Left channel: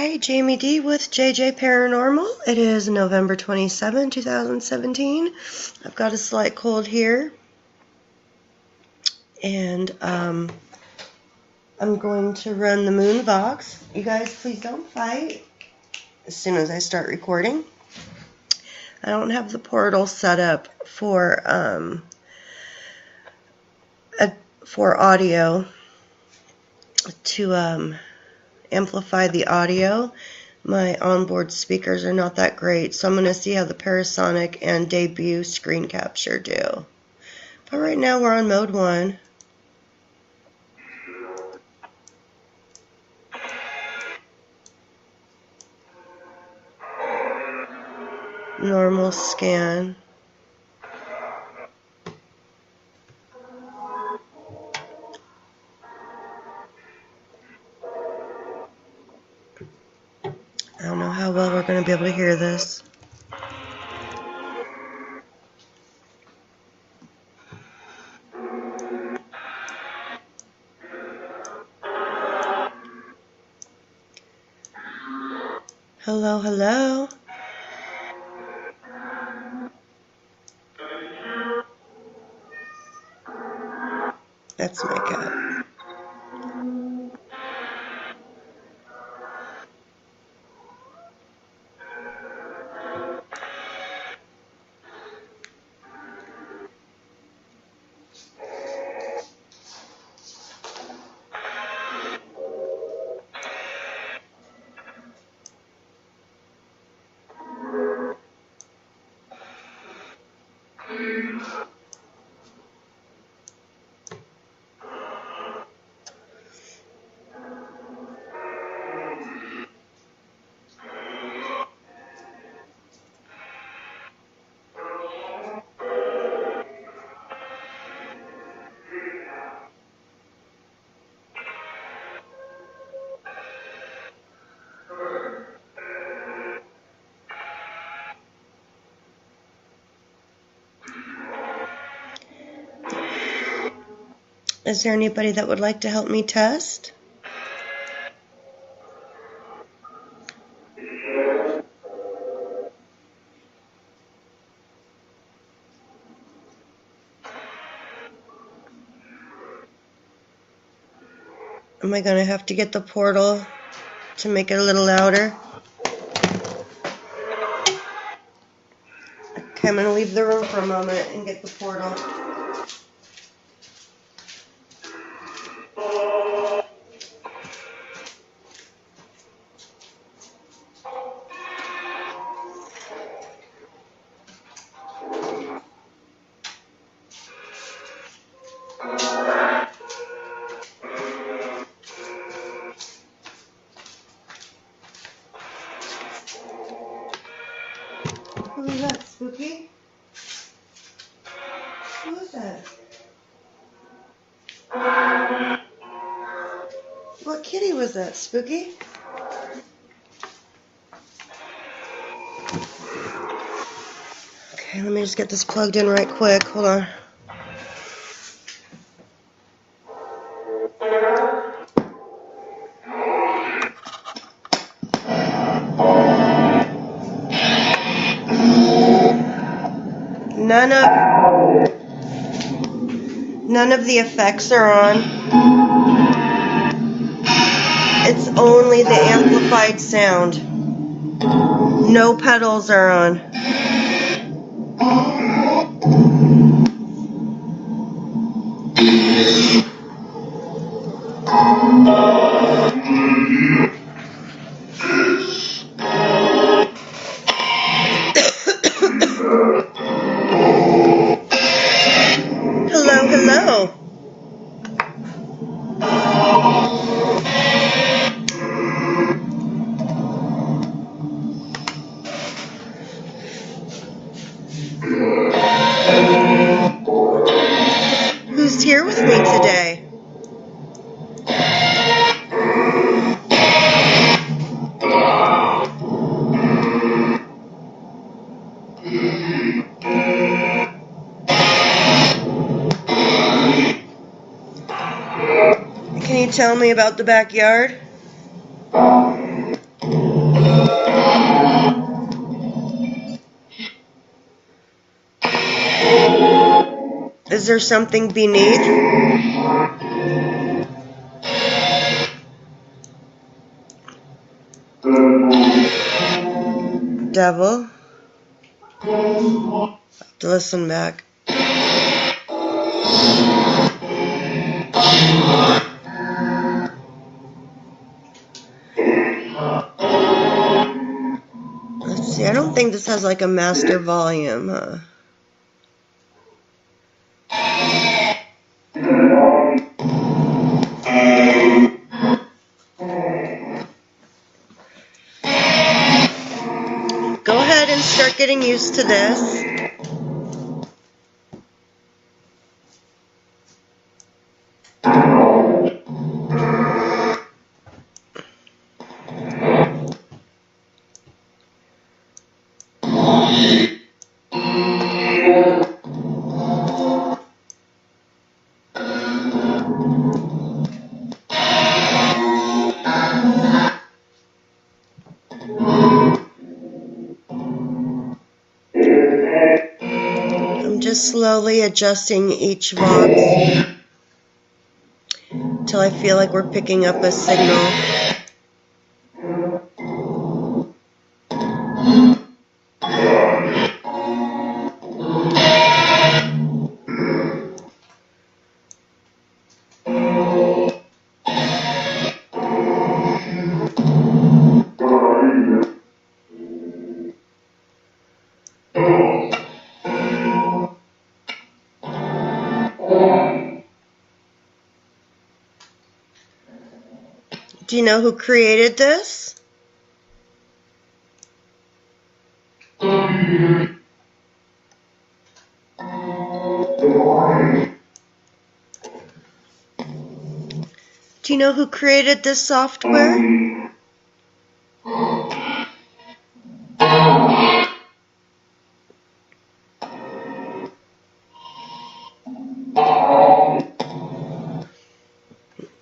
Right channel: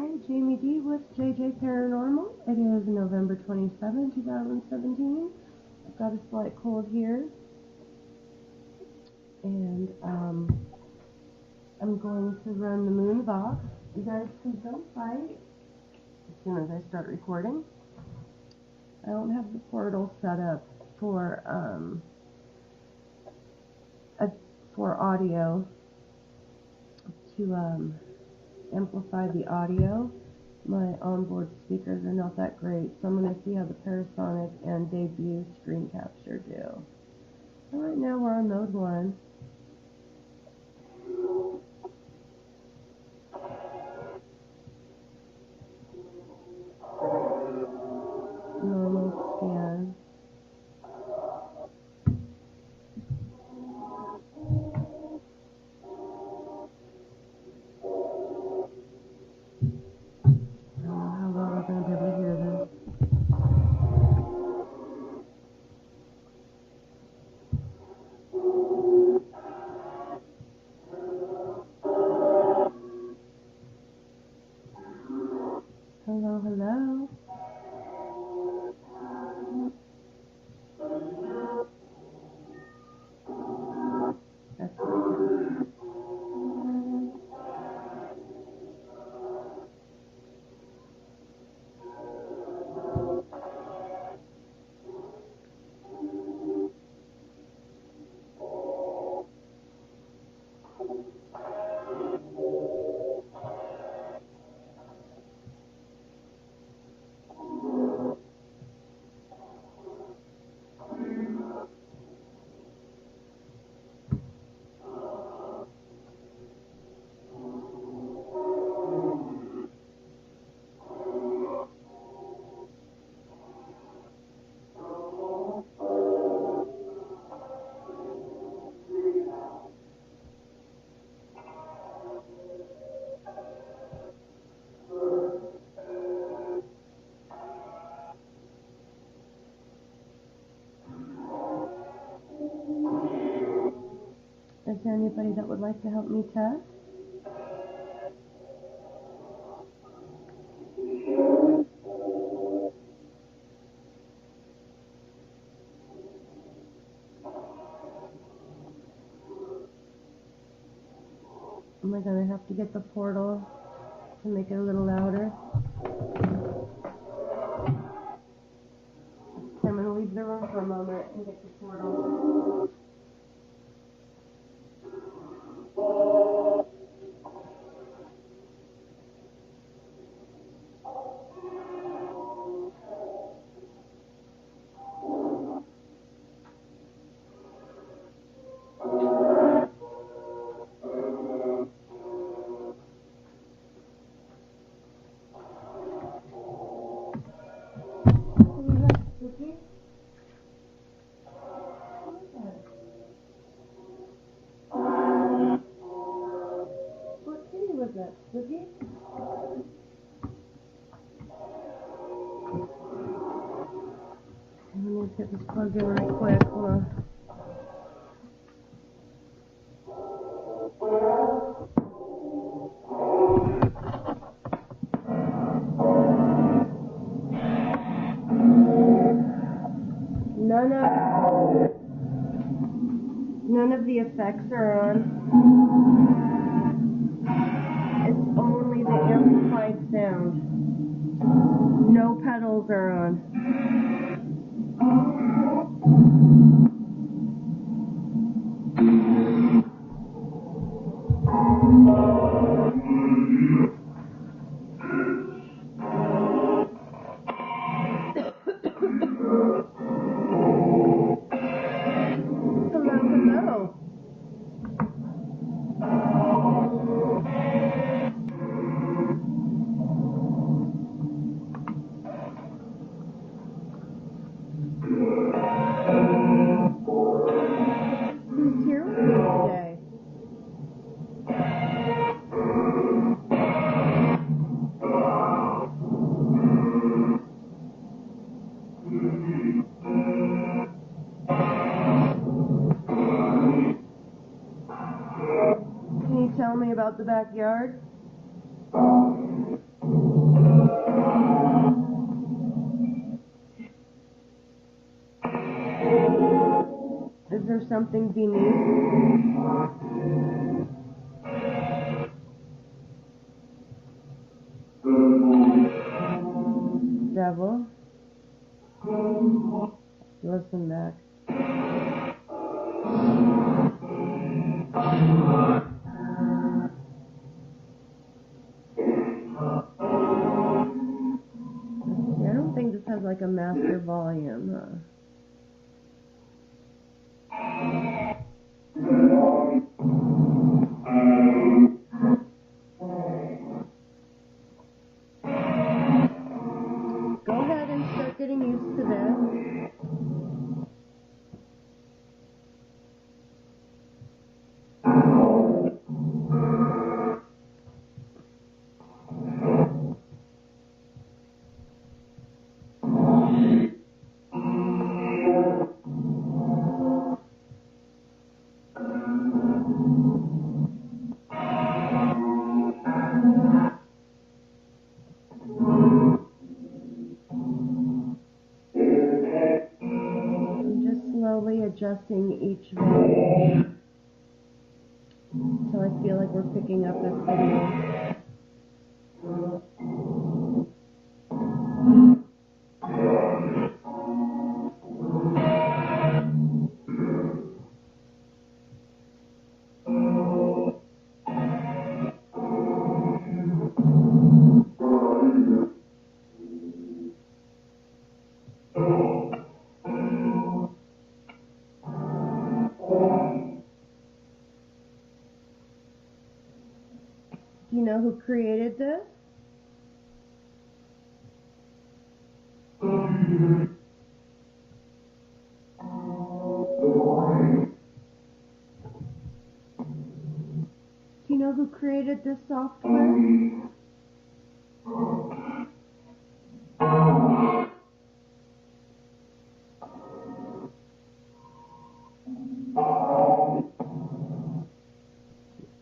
Hey, Jamie D with JJ Paranormal. It is November 27, 2017. I've got a slight cold here, and I'm going to run the moon Vox. You guys, please don't fight as soon as I start recording. I don't have the portal set up for audio to amplify the audio. My onboard speakers are not that great, so I'm going to see how the Parasonic and debut screen capture do. But right now we're on mode 1. Normal scan. I don't know how well we're going to be able to hear this. Hello, hello. That's my cat. Is there anybody that would like to help me test? Am I going to have to get the portal to make it a little louder? Okay, I'm going to leave the room for a moment and get the portal. Who is that, Spooky? Who is that? What kitty was that, Spooky? Okay, let me just get this plugged in right quick. Hold on. None of the effects are on. It's only the amplified sound. No pedals are on. Hello, hello. Who's here with me today? Can you tell me about the backyard? Is there something beneath? Devil. Have to listen back. Let's see, I don't think this has like a master volume, huh? Go ahead and start getting used to this. Just slowly adjusting each Vox until I feel like we're picking up a signal. Do you know who created this? Do you know who created this software?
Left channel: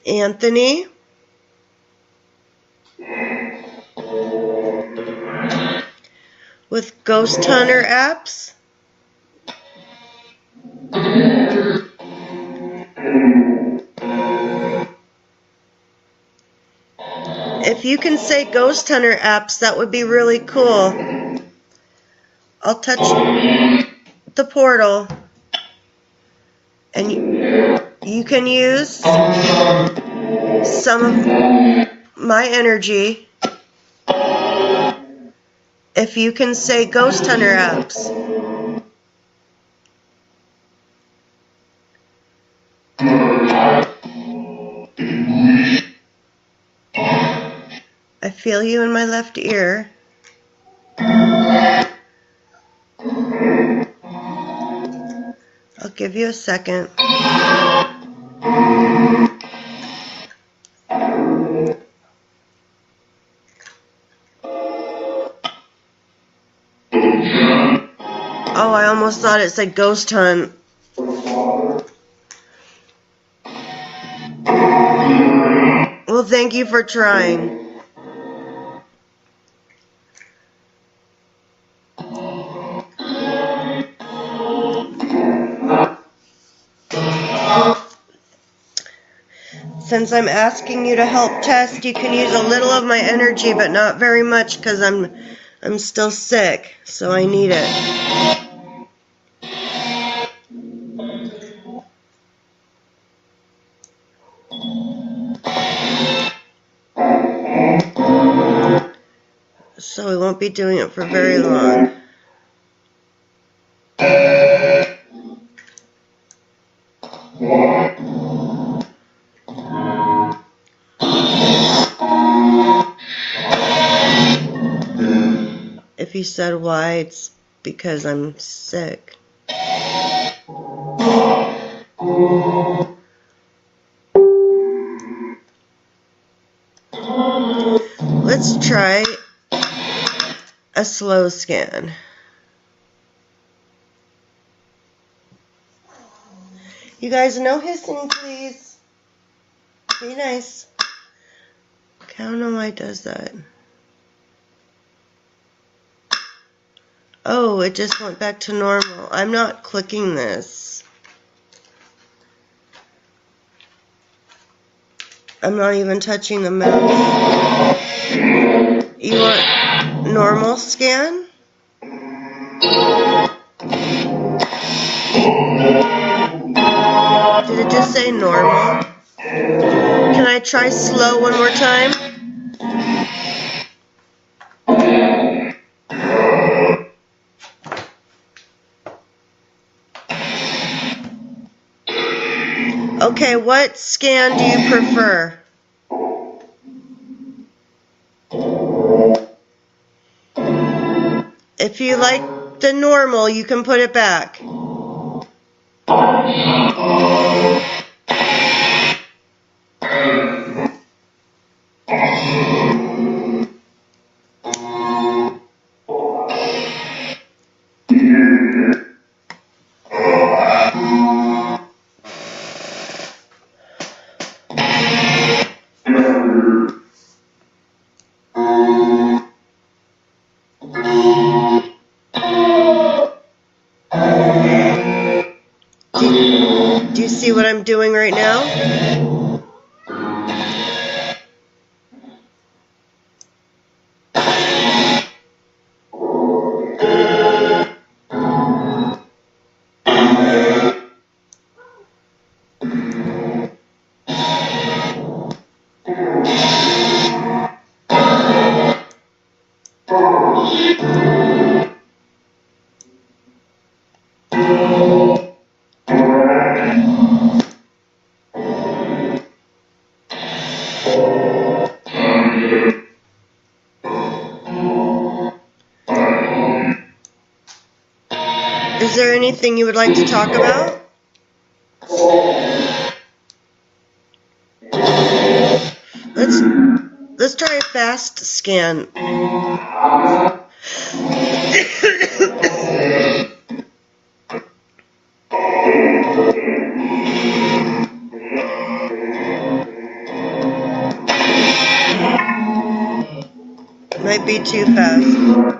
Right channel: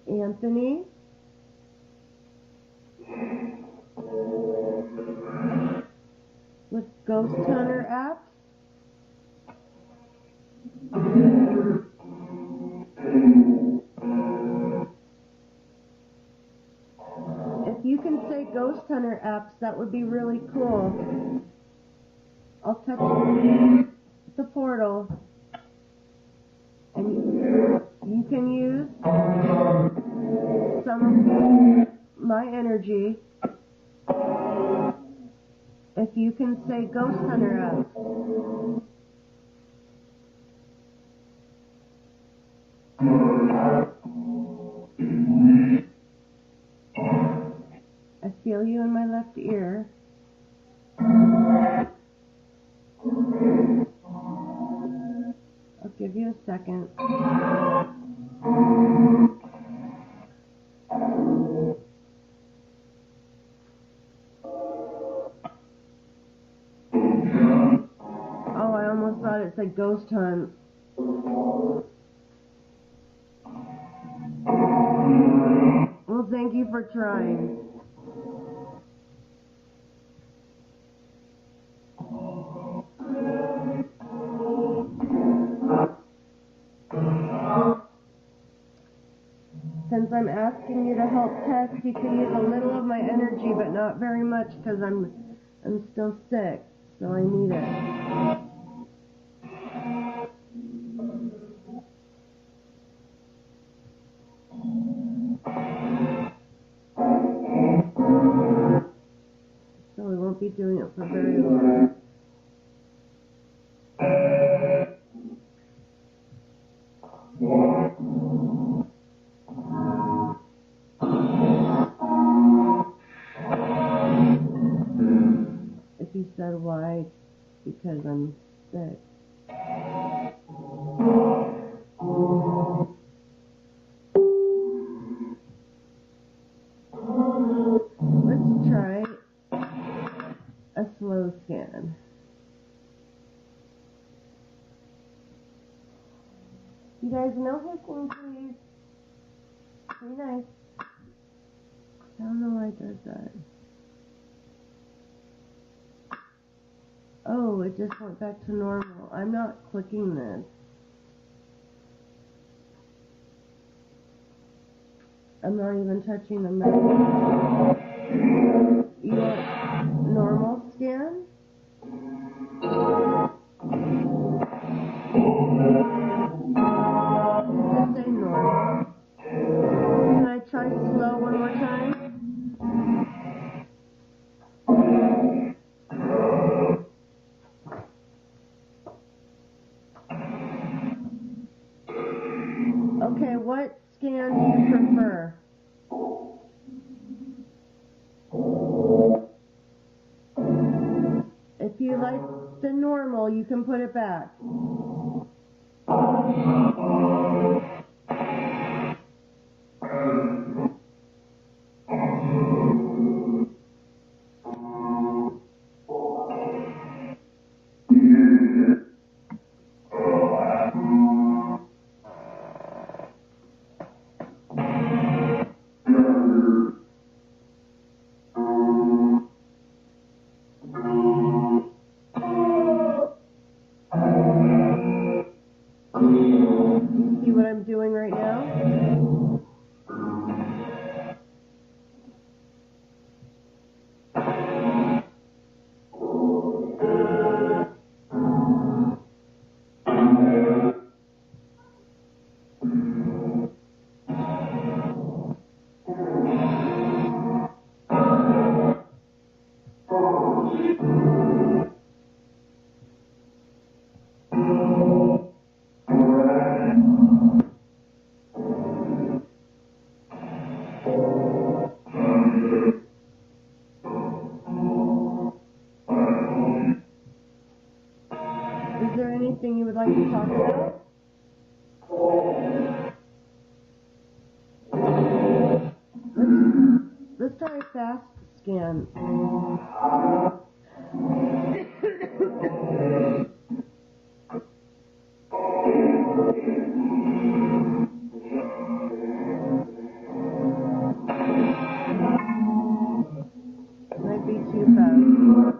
Anthony? With Ghost Hunter apps? If you can say Ghost Hunter apps, that would be really cool. I'll touch the portal and you can use some of my energy if you can say Ghost Hunter apps. I feel you in my left ear. I'll give you a second. Oh, I almost thought it said ghost hunt. Well, thank you for trying. Since I'm asking you to help test, you can use a little of my energy, but not very much because I'm still sick, so I need it. So we won't be doing it for very long. If you said why, it's because I'm sick. Let's try a slow scan. You guys, no hissing, please. Be nice. I don't know why it does that. Oh, it just went back to normal. I'm not clicking this. I'm not even touching the mouse. You want normal scan? Did it just say normal? Can I try slow one more time? Okay, what scan do you prefer? If you like the normal, you can put it back. Do you see what I'm doing right now? Is there anything you would like to talk about? Let's try a fast scan. Might be too fast.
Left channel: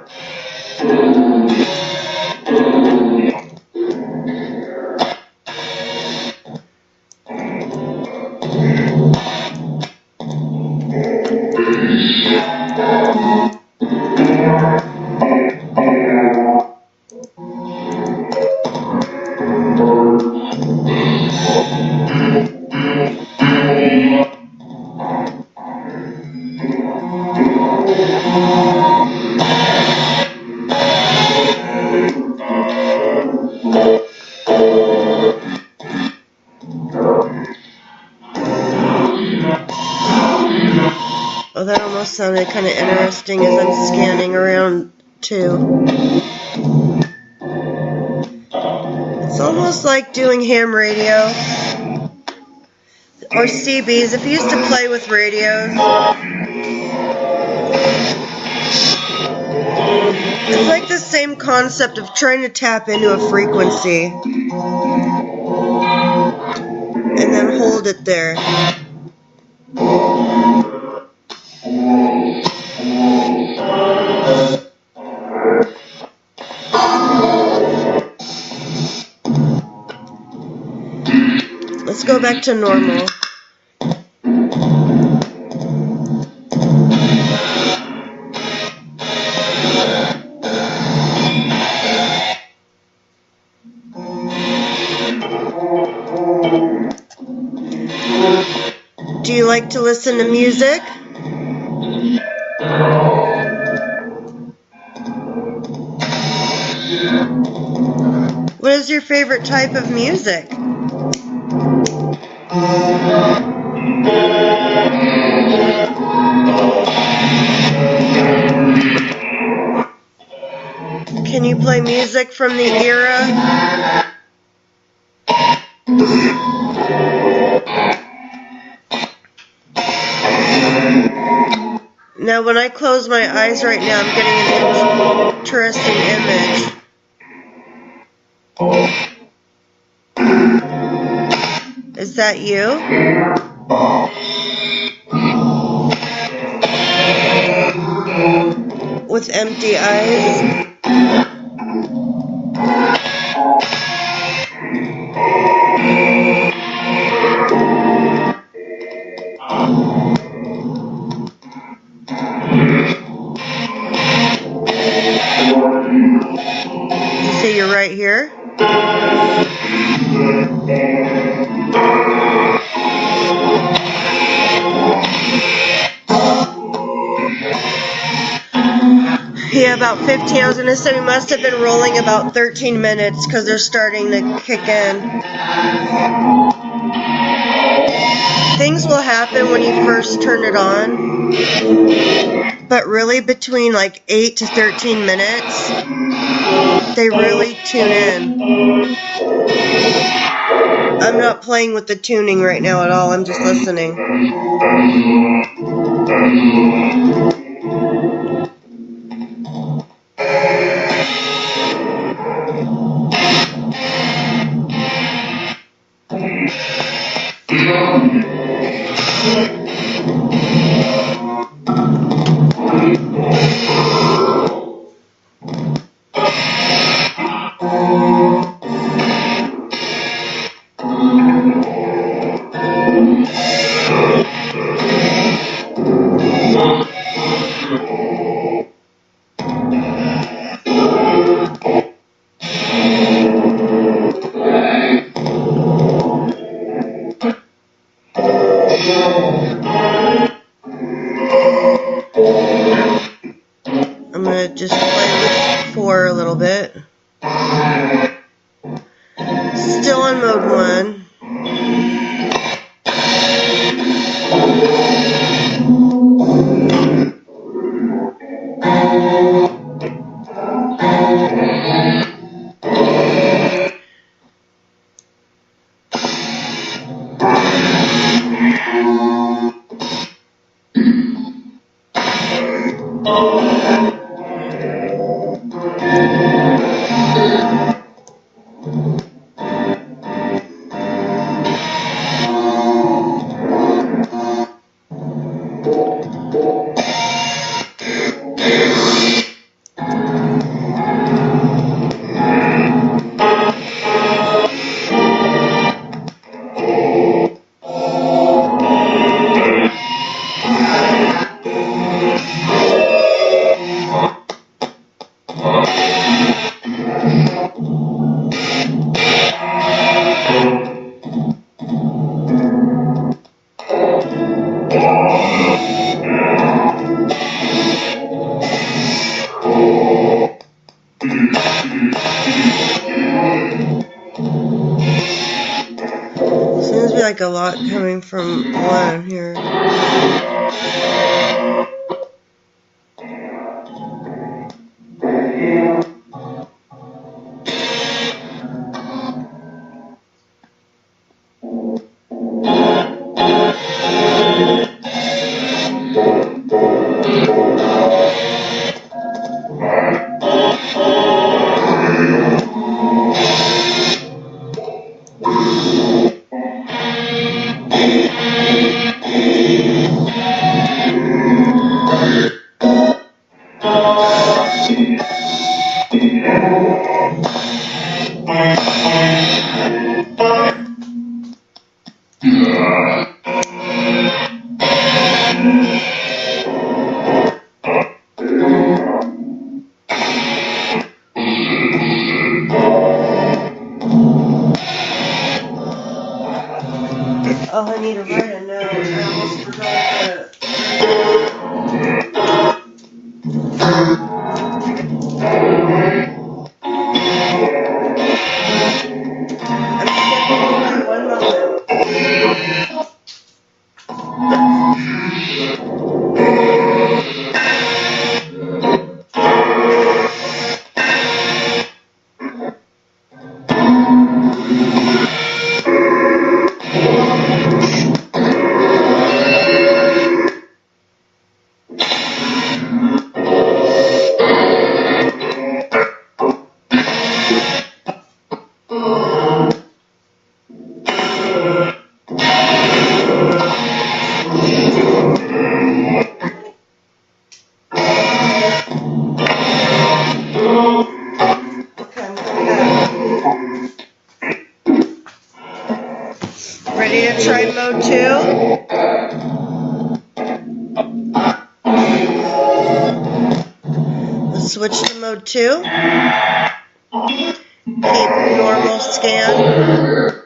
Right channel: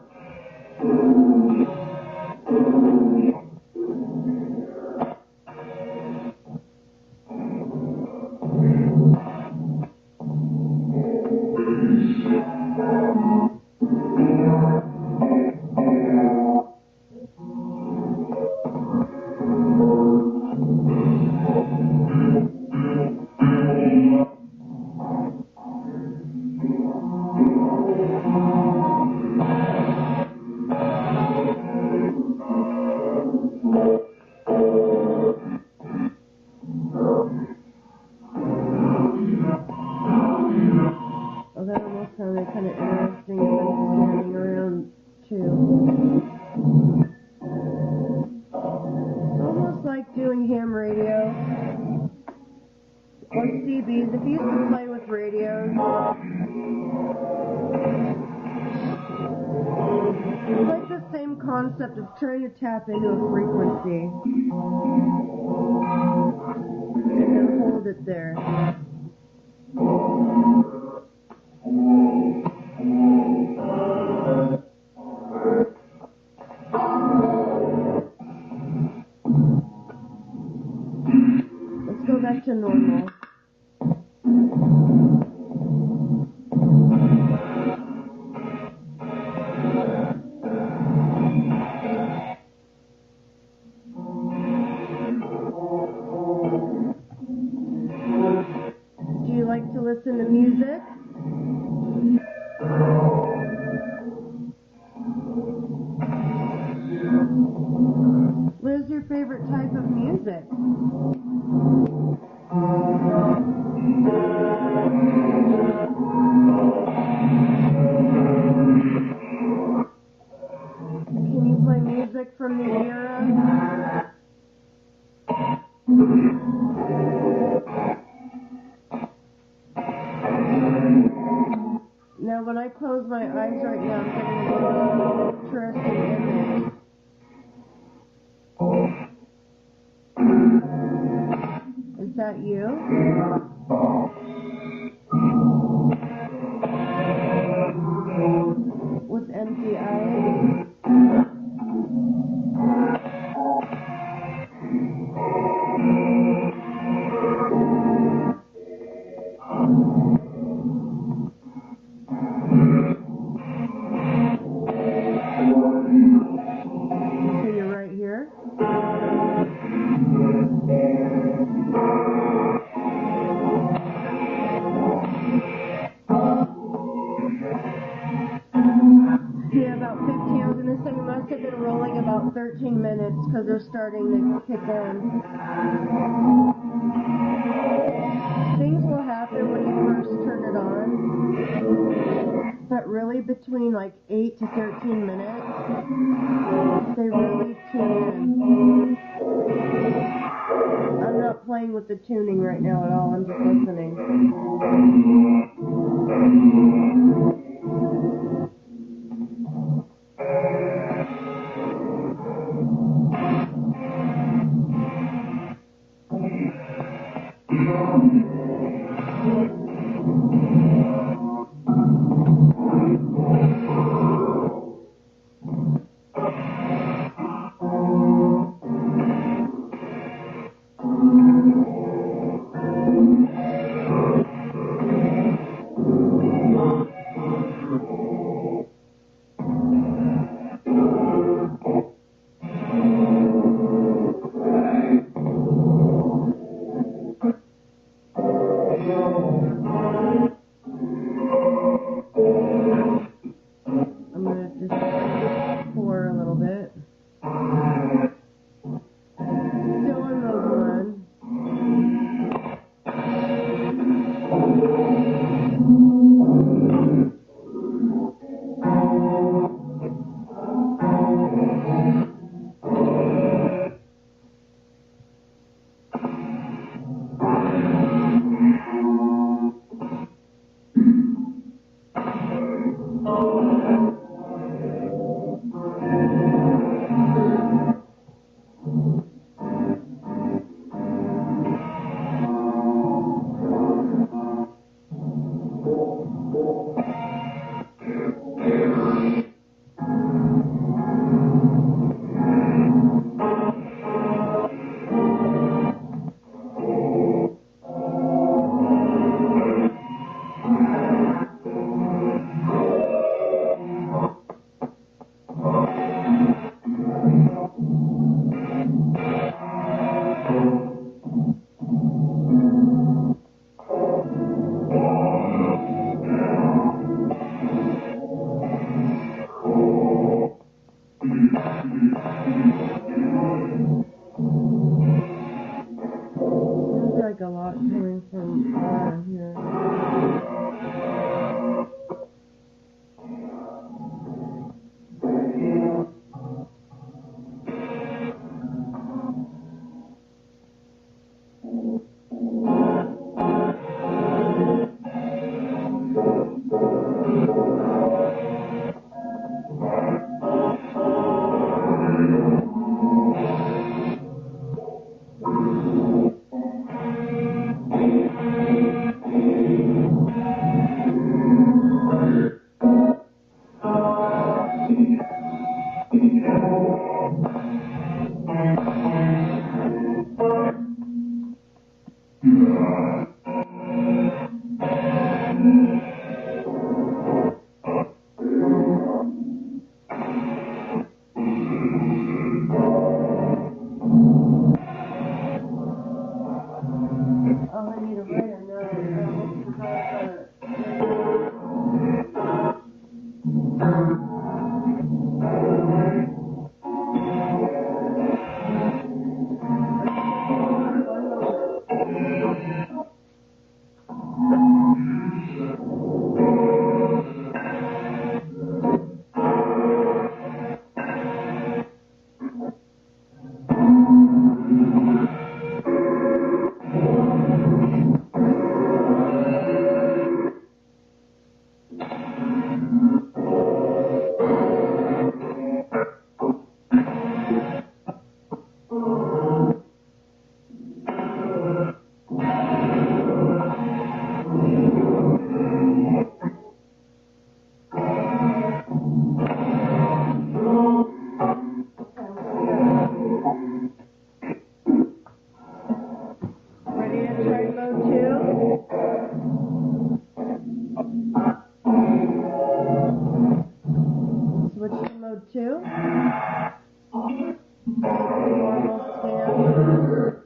Oh, that almost sounded kind of interesting as I'm scanning around too. It's almost like doing ham radio or CBs. If you used to play with radios, it's like the same concept of trying to tap into a frequency and then hold it there. Let's go back to normal. Do you like to listen to music? What is your favorite type of music? Can you play music from the era? Now, when I close my eyes right now, I'm getting an interesting image. Is that you? With empty eyes? you're right here. Yeah, about 15. I was going to say we must have been rolling about 13 minutes because they're starting to kick in. Things will happen when you first turn it on, but really between like 8 to 13 minutes, they really tune in. I'm not playing with the tuning right now at all. I'm just listening. I'm going to just play with 4 a little bit. Still on mode 1. Seems to be like a lot coming from 1 here. Oh, I need to write a note. I almost forgot one moment. Ready to try mode 2? Let's switch to mode 2. Keep normal scan.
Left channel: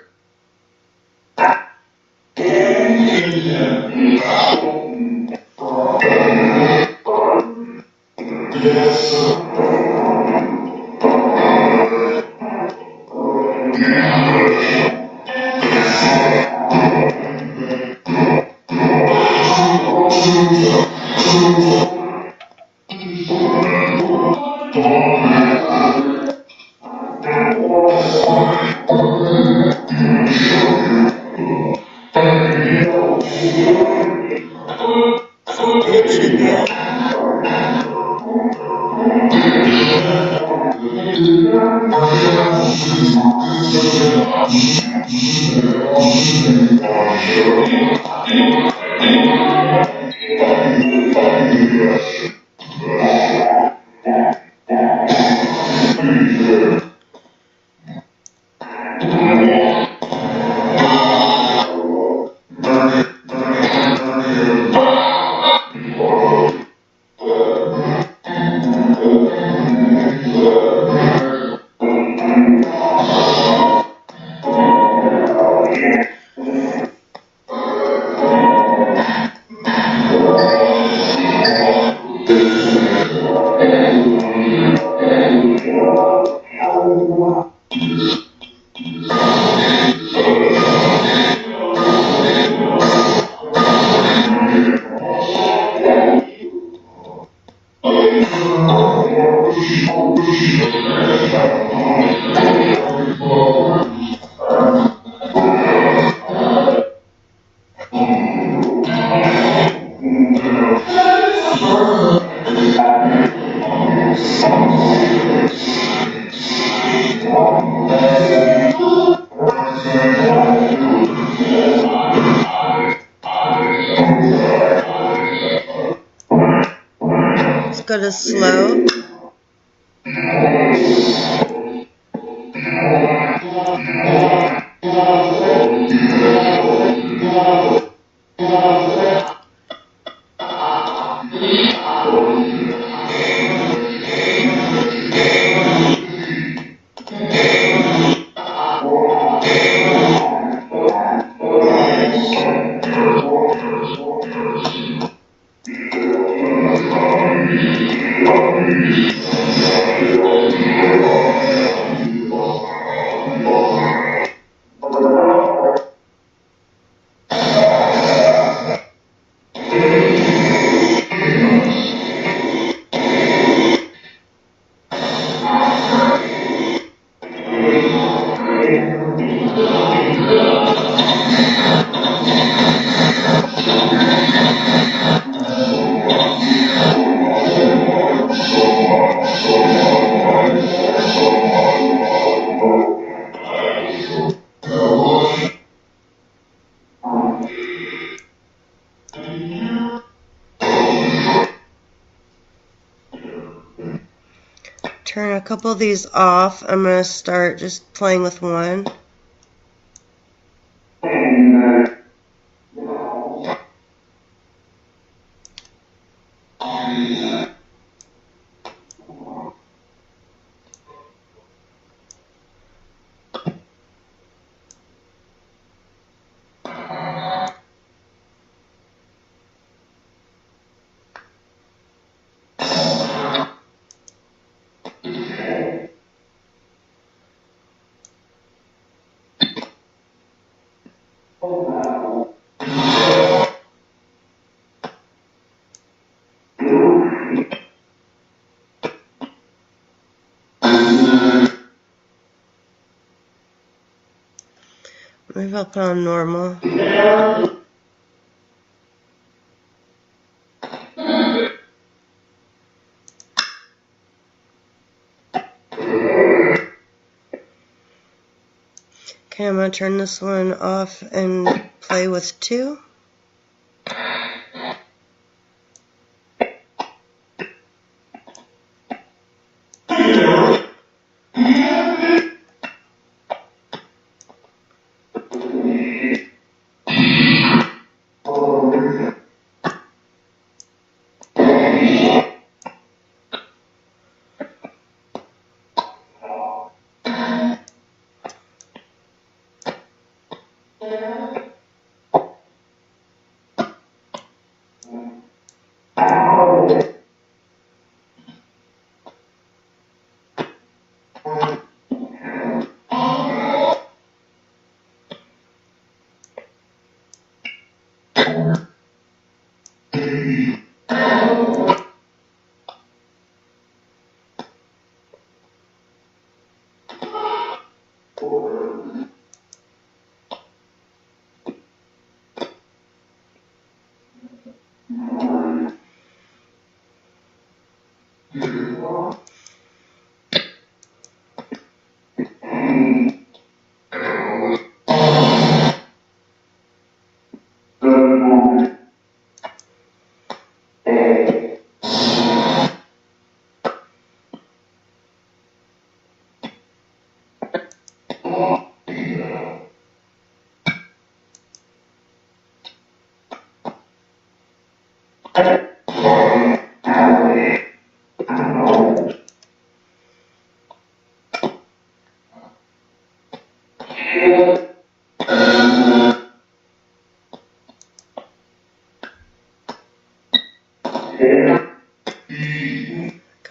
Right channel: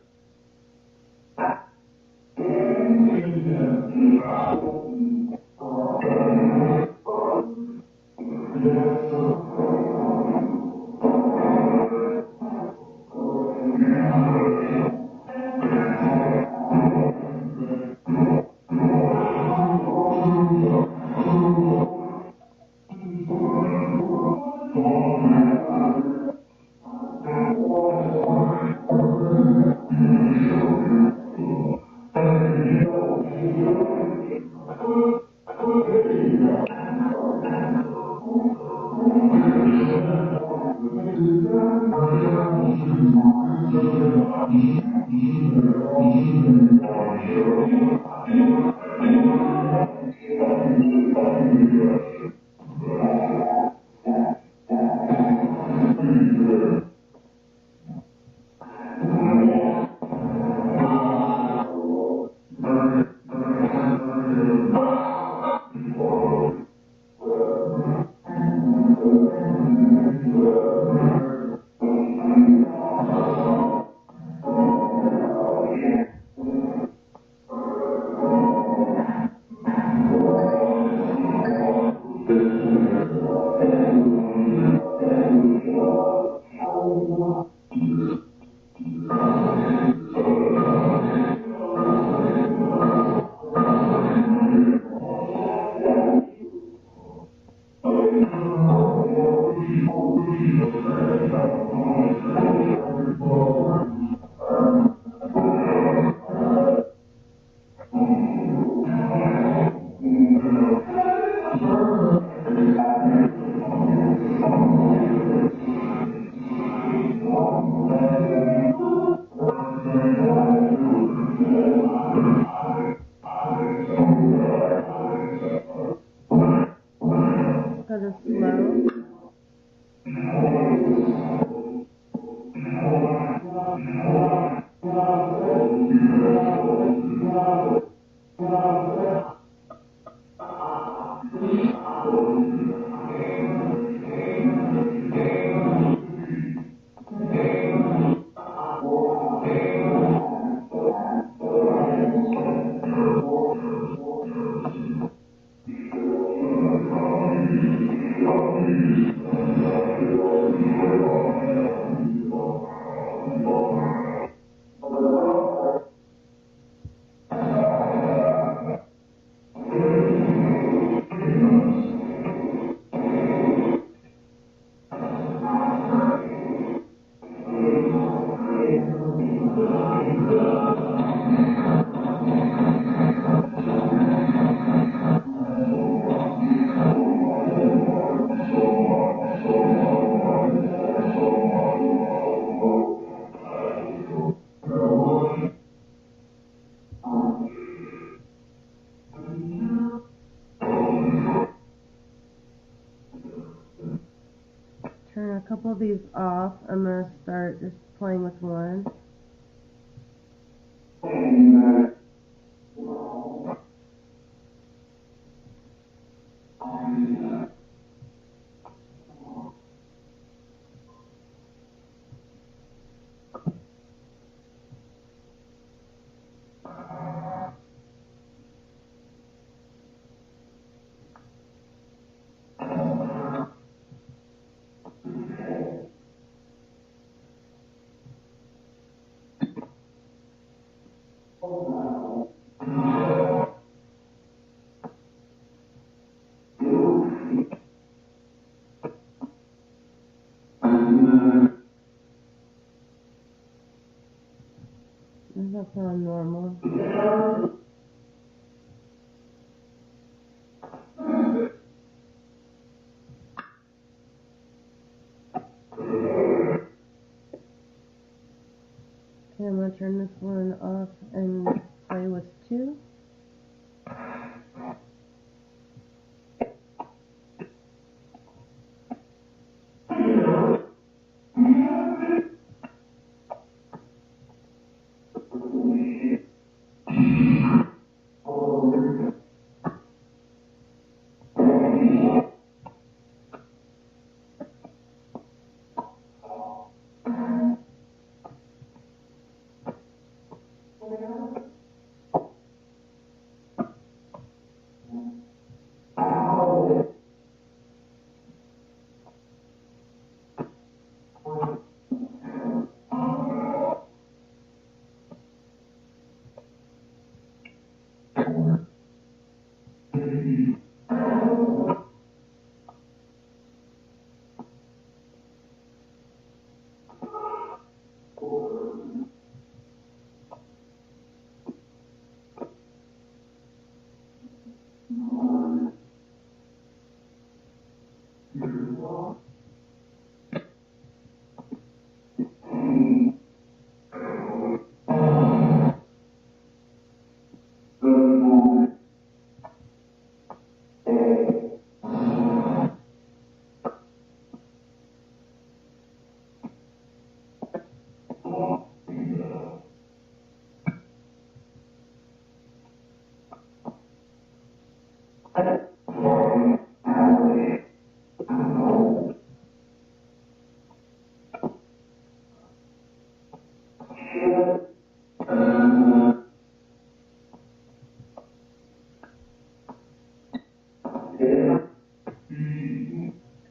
Let's go to slow. Turn a couple of these off. I'm going to start just playing with one. Maybe I'll put on normal. Okay, I'm going to turn this one off and play with two. I'm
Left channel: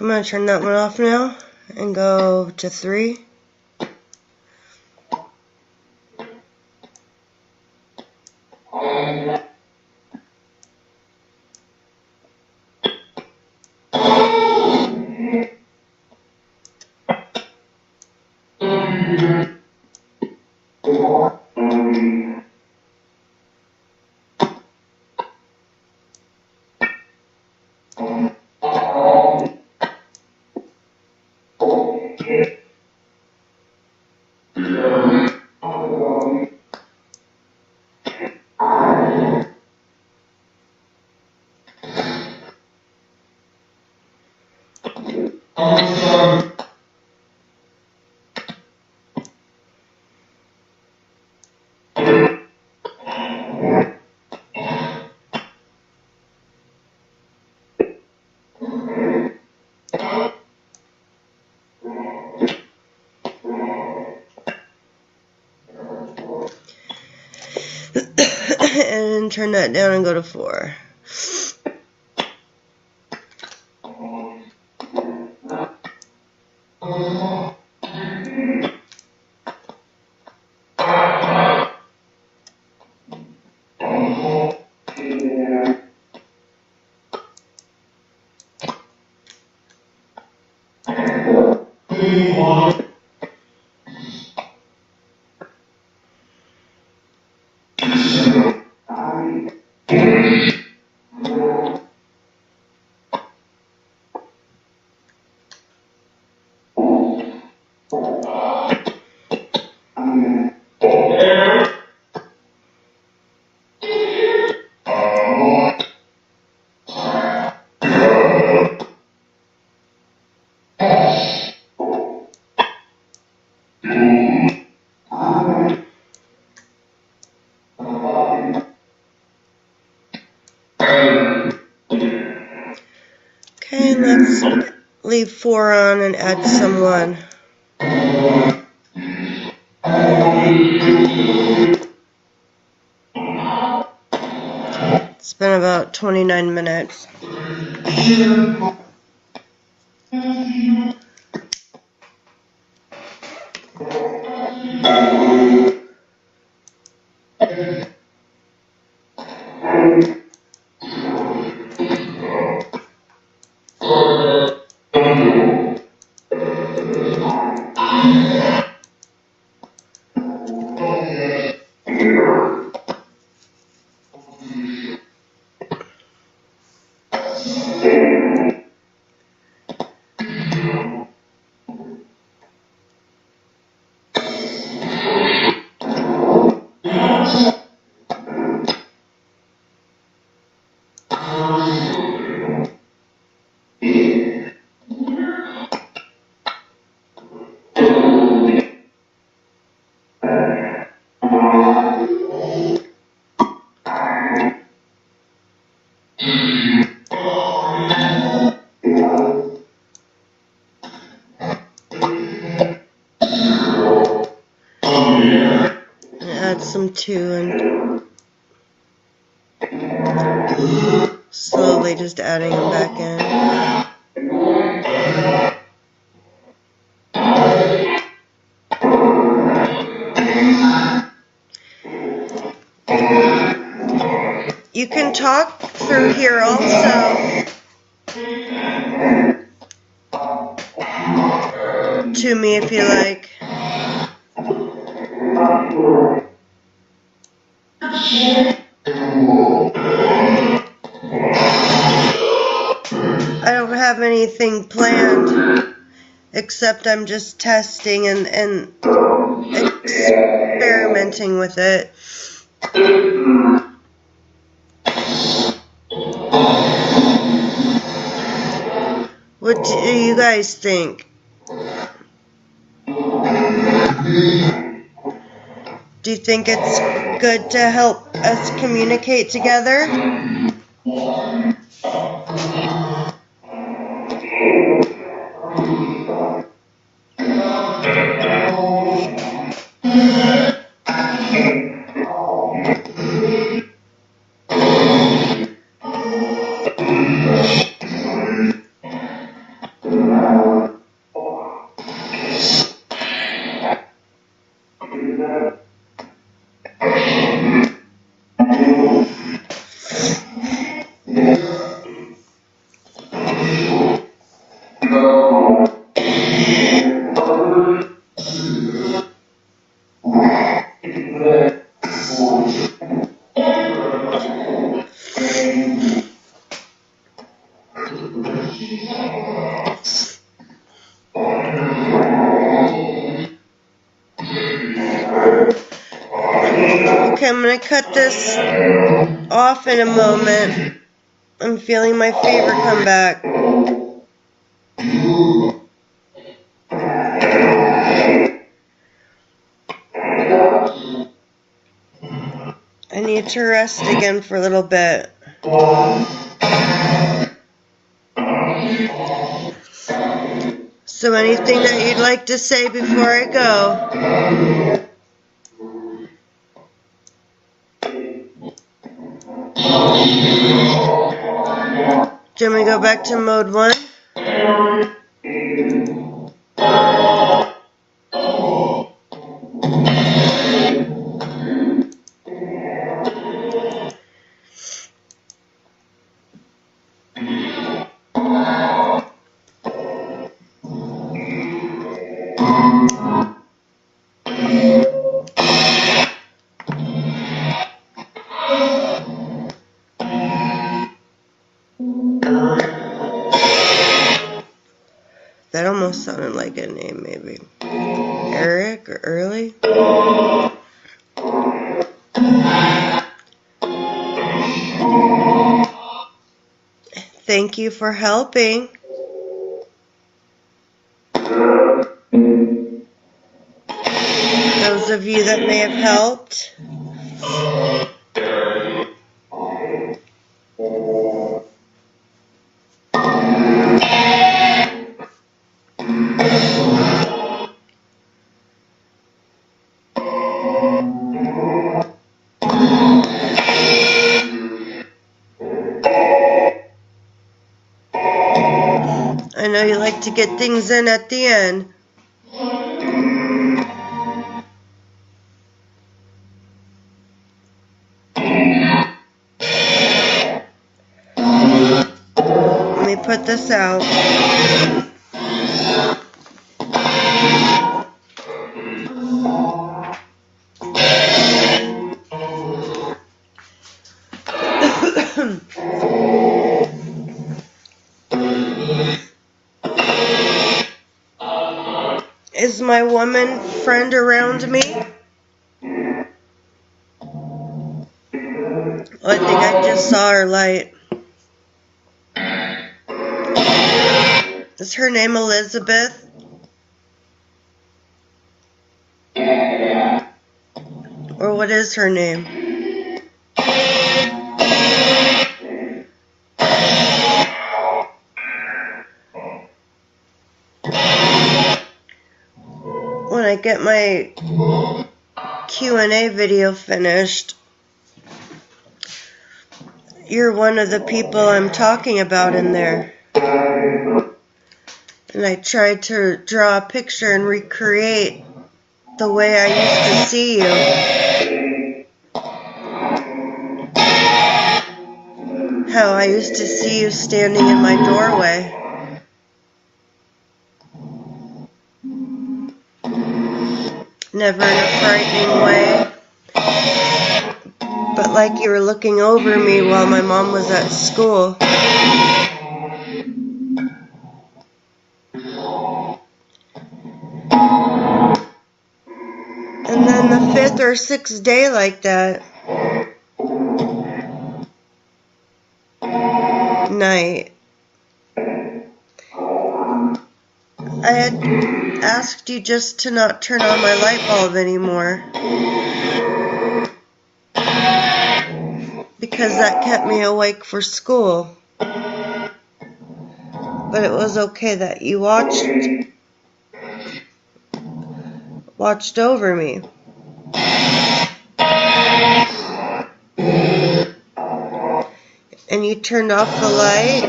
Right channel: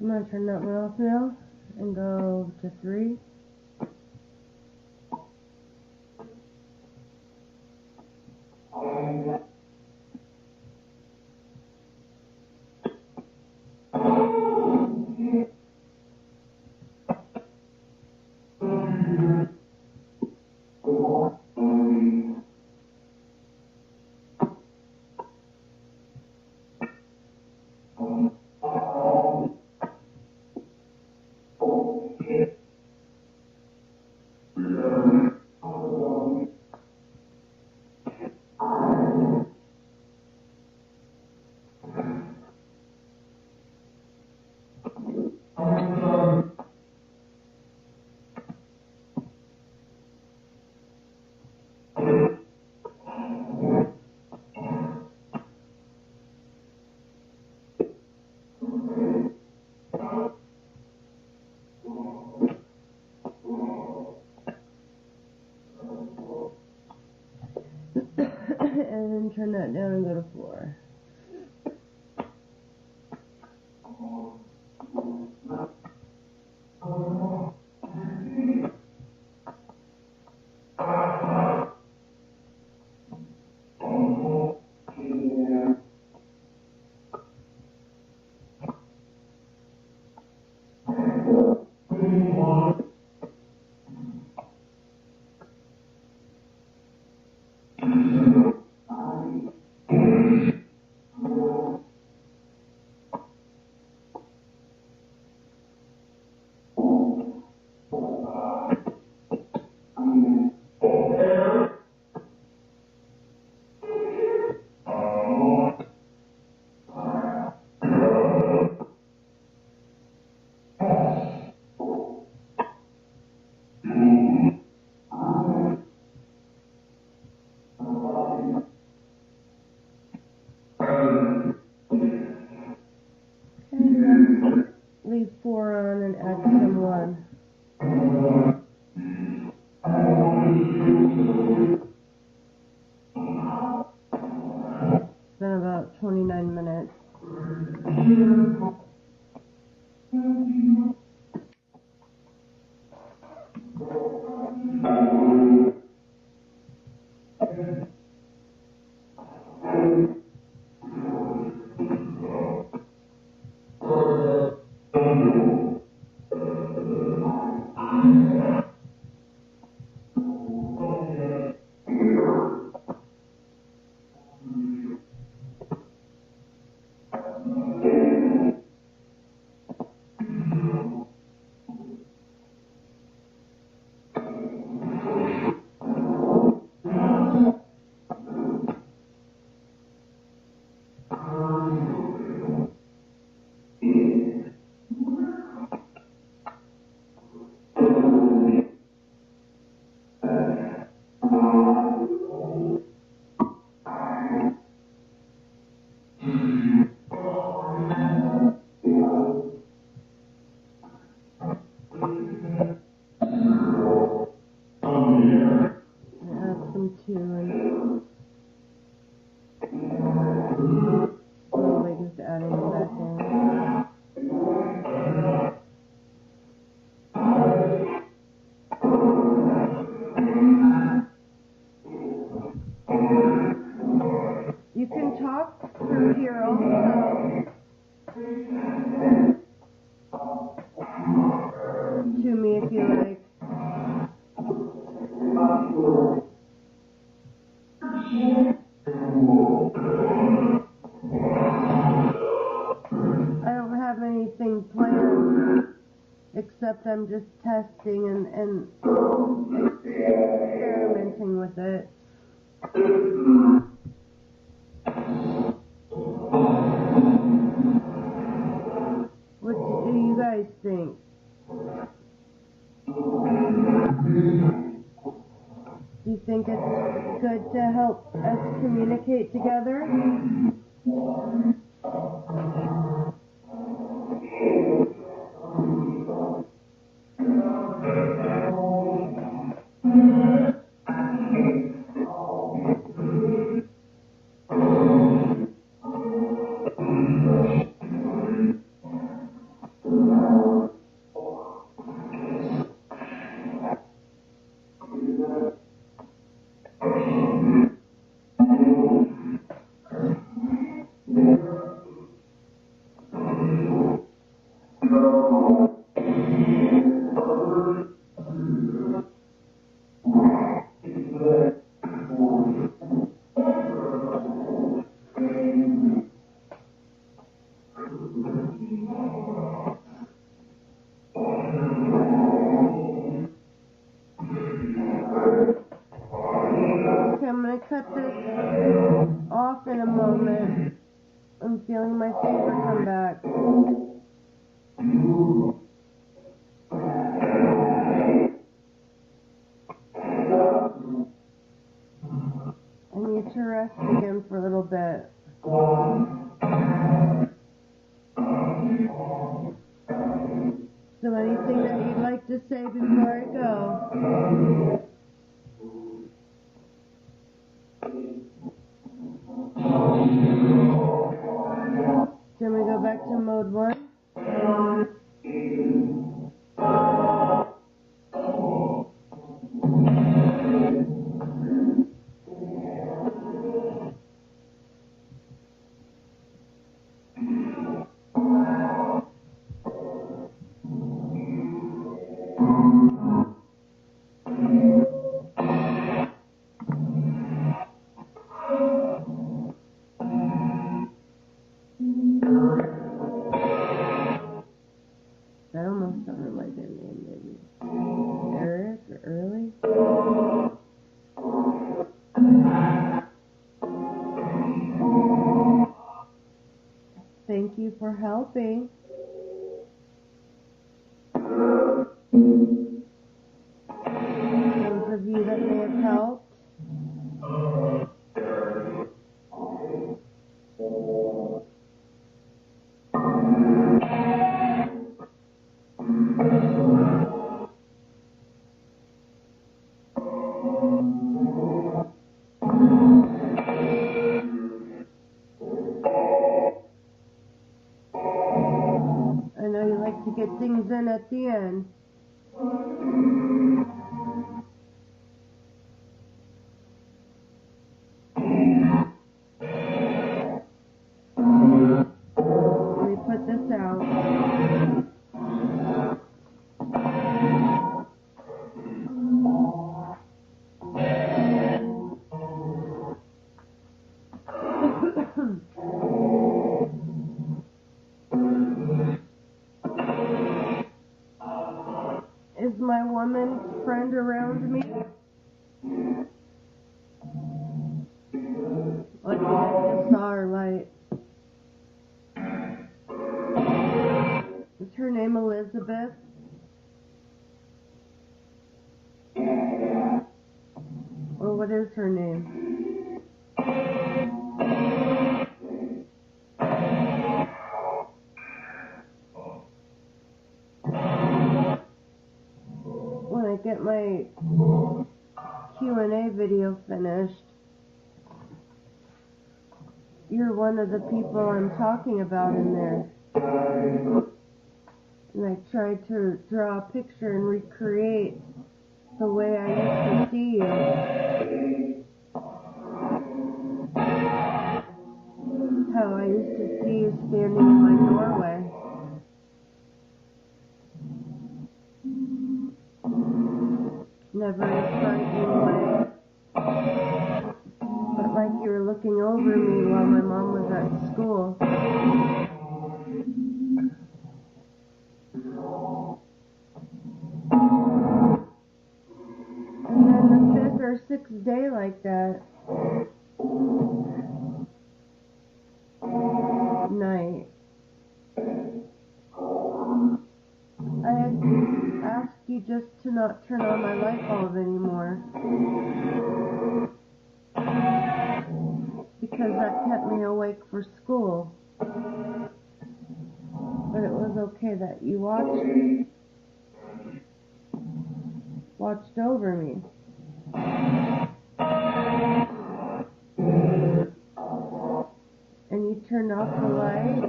going to turn that one off now and go to 3. And turn that down and go to 4. Okay, let's leave 4 on and add some 1. It's been about 29 minutes. Add some 2 and slowly just adding them back in. You can talk through here also to me if you like. I don't have anything planned, except I'm just testing and experimenting with it. What do you guys think? Do you think it's good to help us communicate together? Okay, I'm going to cut this off in a moment. I'm feeling my fever come back. I need to rest again for a little bit. So anything that you'd like to say before I go? Do you want me to go back to mode 1? That almost sounded like a name, maybe. Eric or Early? Thank you for helping. Those of you that may have helped. I know you like to get things in at the end. Let me put this out. Is my woman friend around me? Oh, I think I just saw her light. Is her name Elizabeth? Or what is her name? When I get my Q&A video finished, you're one of the people I'm talking about in there. And I tried to draw a picture and recreate the way I used to see you. How I used to see you standing in my doorway. Never in a frightening way, but like you were looking over me while my mom was at school. And then the 5th or 6th day like that night, I had asked you just to not turn on my light bulb anymore, because that kept me awake for school. But it was okay that you watched over me. And you turned off the light,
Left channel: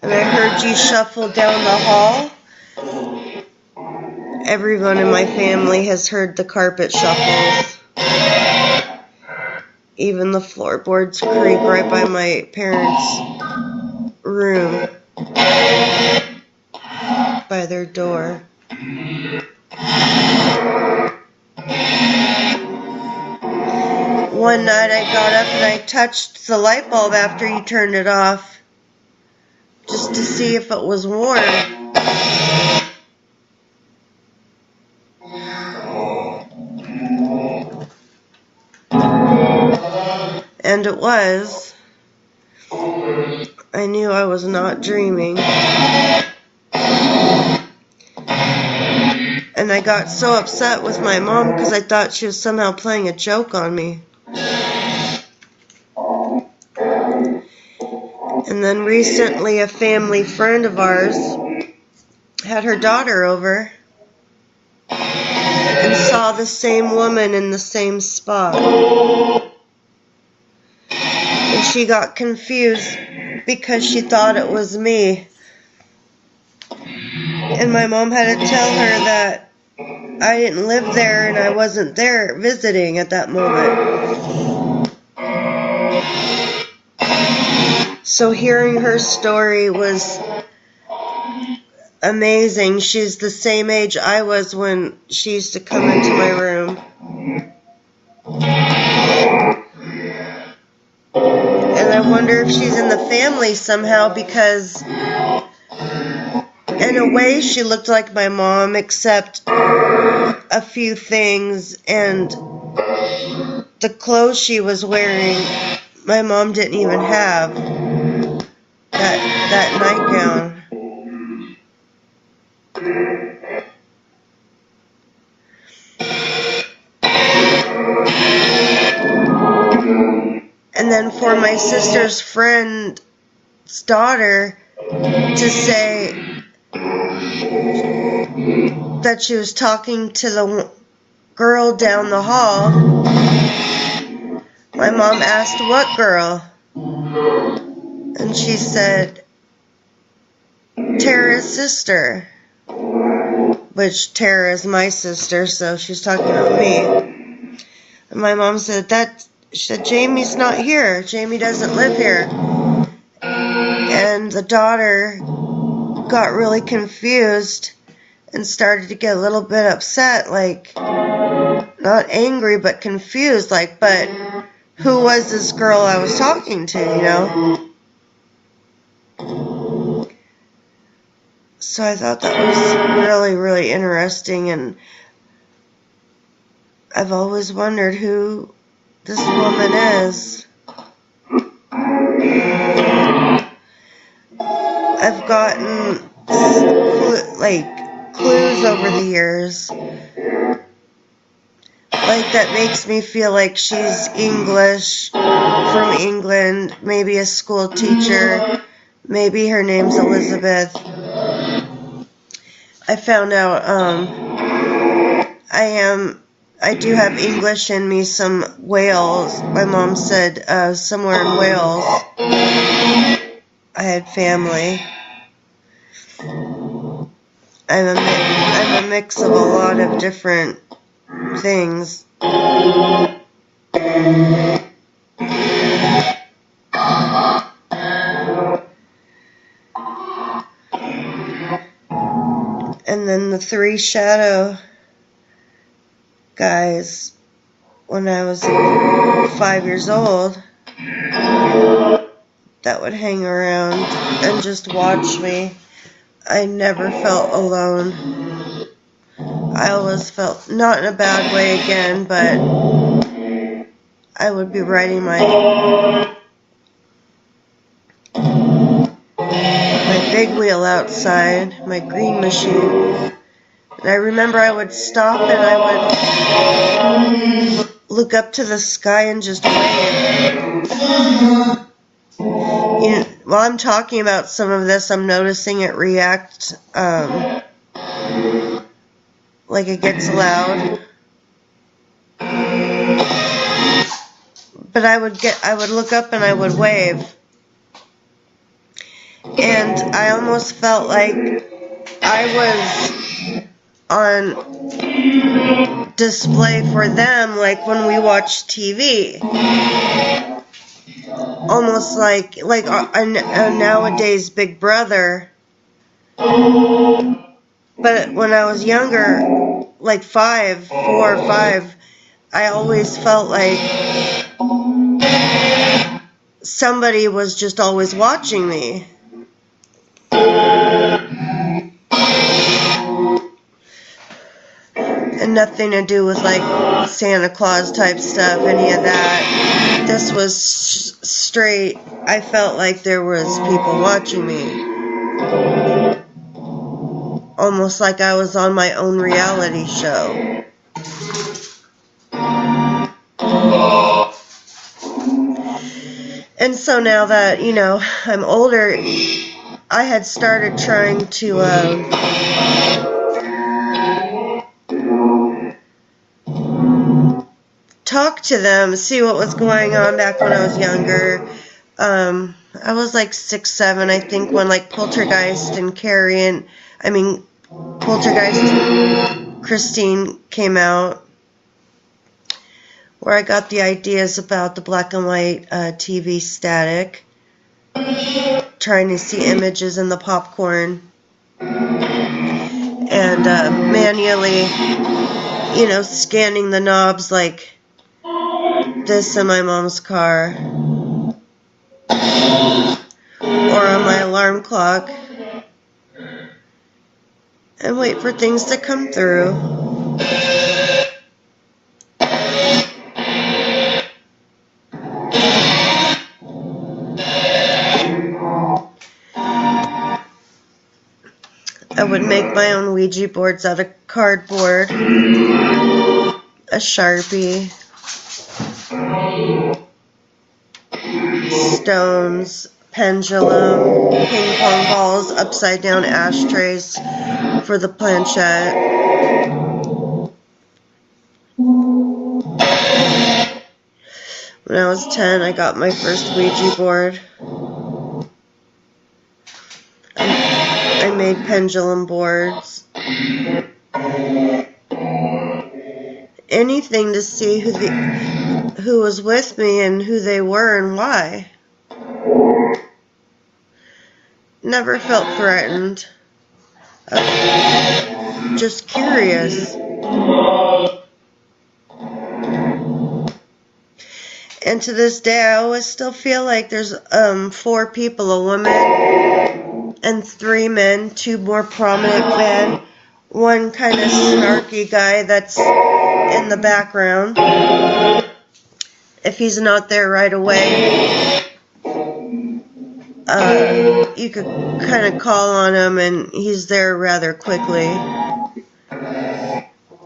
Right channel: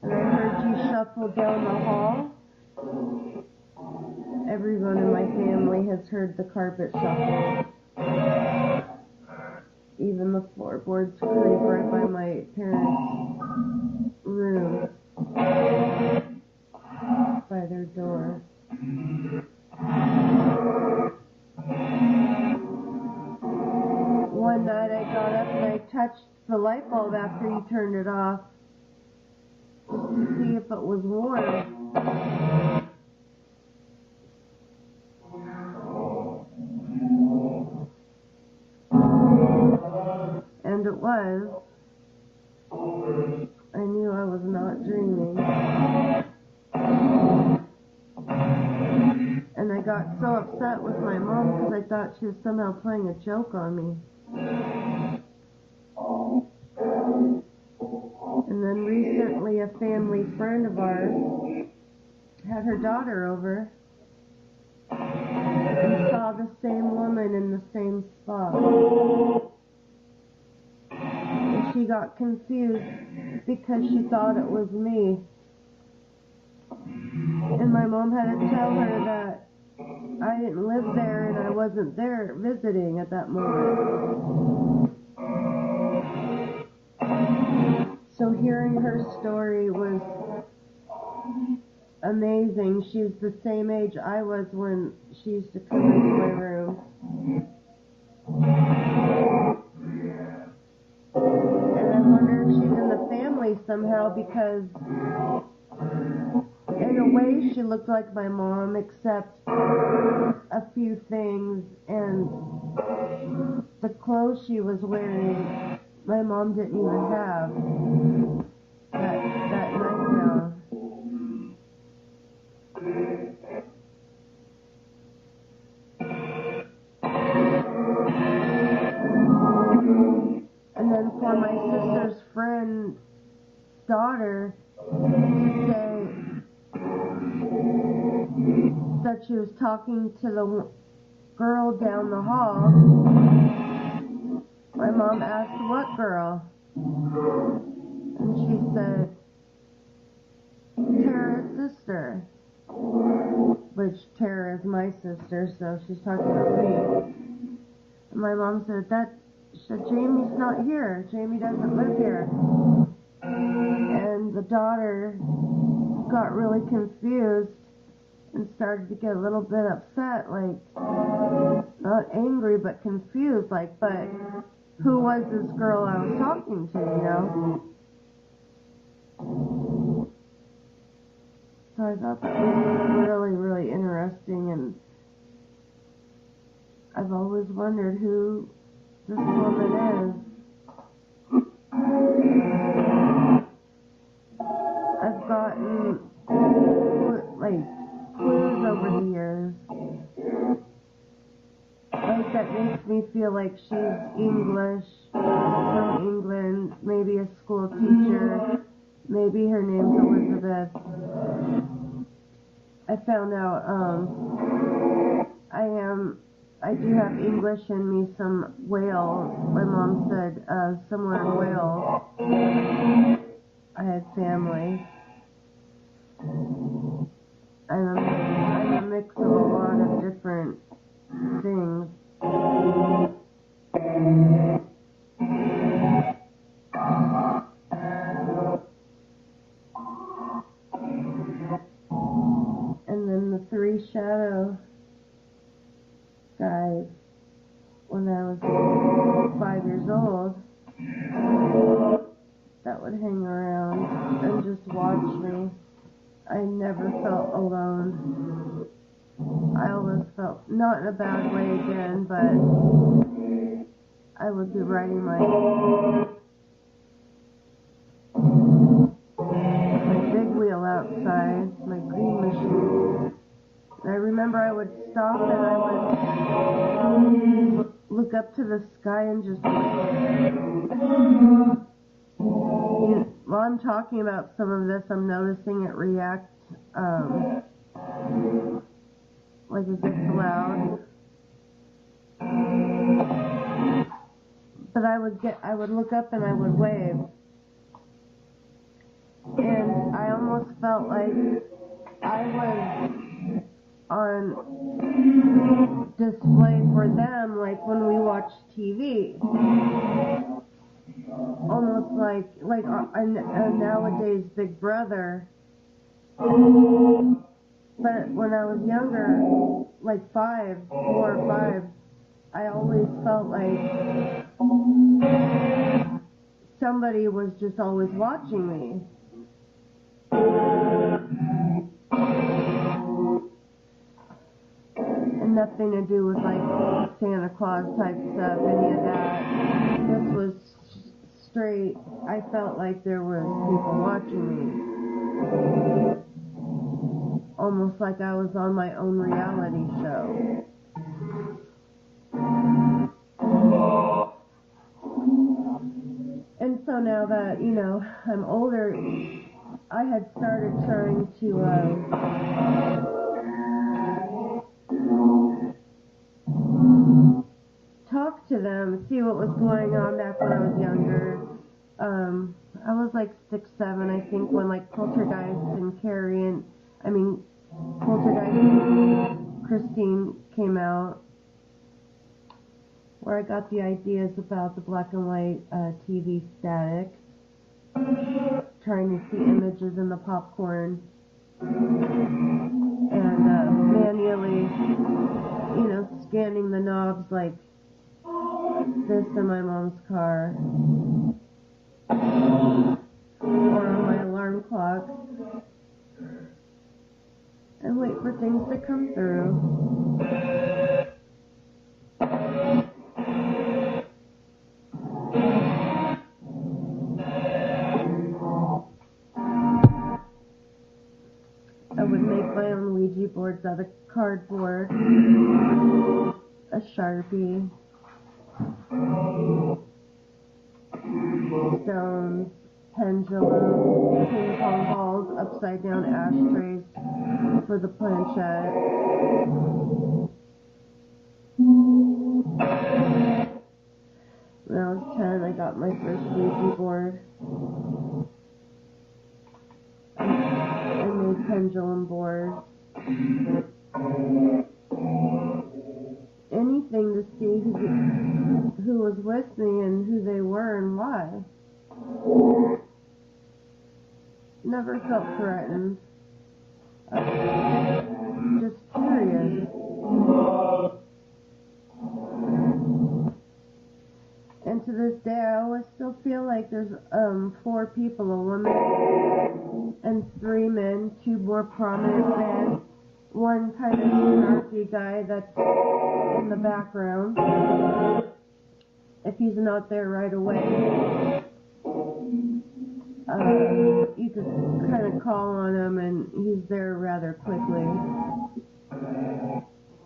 and I heard you shuffle down the hall. Everyone in my family has heard the carpet shuffles. Even the floorboards creak right by my parents' room, by their door. One night I got up and I touched the light bulb after you turned it off, just to see if it was warm. And it was. I knew I was not dreaming. And I got so upset with my mom because I thought she was somehow playing a joke on me. And then recently a family friend of ours had her daughter over and saw the same woman in the same spot. And she got confused because she thought it was me. And my mom had to tell her that I didn't live there and I wasn't there visiting at that moment. So hearing her story was amazing. She's the same age I was when she used to come into my room. And I wonder if she's in the family somehow, because in a way she looked like my mom, except a few things, and the clothes she was wearing my mom didn't even have. That nightgown. And then for my sister's friend's daughter to say that she was talking to the girl down the hall, my mom asked, "What girl?" And she said, "Tara's sister," which Tara is my sister, so she's talking about me. And my mom said, she said, "Jamie's not here. Jamie doesn't live here." And the daughter got really confused and started to get a little bit upset, like, not angry, but confused, like, but who was this girl I was talking to, you know? So I thought that was really, really interesting, and I've always wondered who this woman is. I've gotten, clues over the years, that makes me feel like she's English, from England, maybe a school teacher, maybe her name's Elizabeth. I found out, I do have English in me, some Wales. My mom said somewhere in Wales I had family. I'm a mix of a lot of different things. And And then the 3 shadow guys, when I was 5 years old, that would hang around and just watch me. I never felt alone. I always felt, not in a bad way again, but I would be riding my big wheel outside, my green machine. And I remember I would stop and I would look up to the sky and just wave. You know, while I'm talking about some of this, I'm noticing it react, like it gets loud. But I would look up and I would wave. And I almost felt like I was on display for them, like when we watch TV. Almost like a nowadays Big Brother. But when I was younger, like 4 or 5, I always felt like somebody was just always watching me. And nothing to do with like Santa Claus type stuff, any of that. This was straight, I felt like there was people watching me. Almost like I was on my own reality show. And so now that, you know, I'm older, I had started trying to talk to them, see what was going on back when I was younger. I was like 6, 7, I think, when like Poltergeist and Poltergeist and Christine came out, where I got the ideas about the black and white TV static, trying to see images in the popcorn, and manually, you know, scanning the knobs like this in my mom's car, or on my alarm clock, and wait for things to come through. I would make my own Ouija boards out of cardboard, a Sharpie, stones, pendulum, ping pong balls, upside down ashtrays for the planchette. When I was 10, I got my first Ouija board. I made pendulum boards. Anything to see who was with me and who they were and why. Never felt threatened. Just curious. And to this day, I always still feel like there's 4 people, a woman and 3 men, 2 more prominent men, 1 kind of snarky guy that's in the background. If he's not there right away, you could kind of call on him and he's there rather quickly.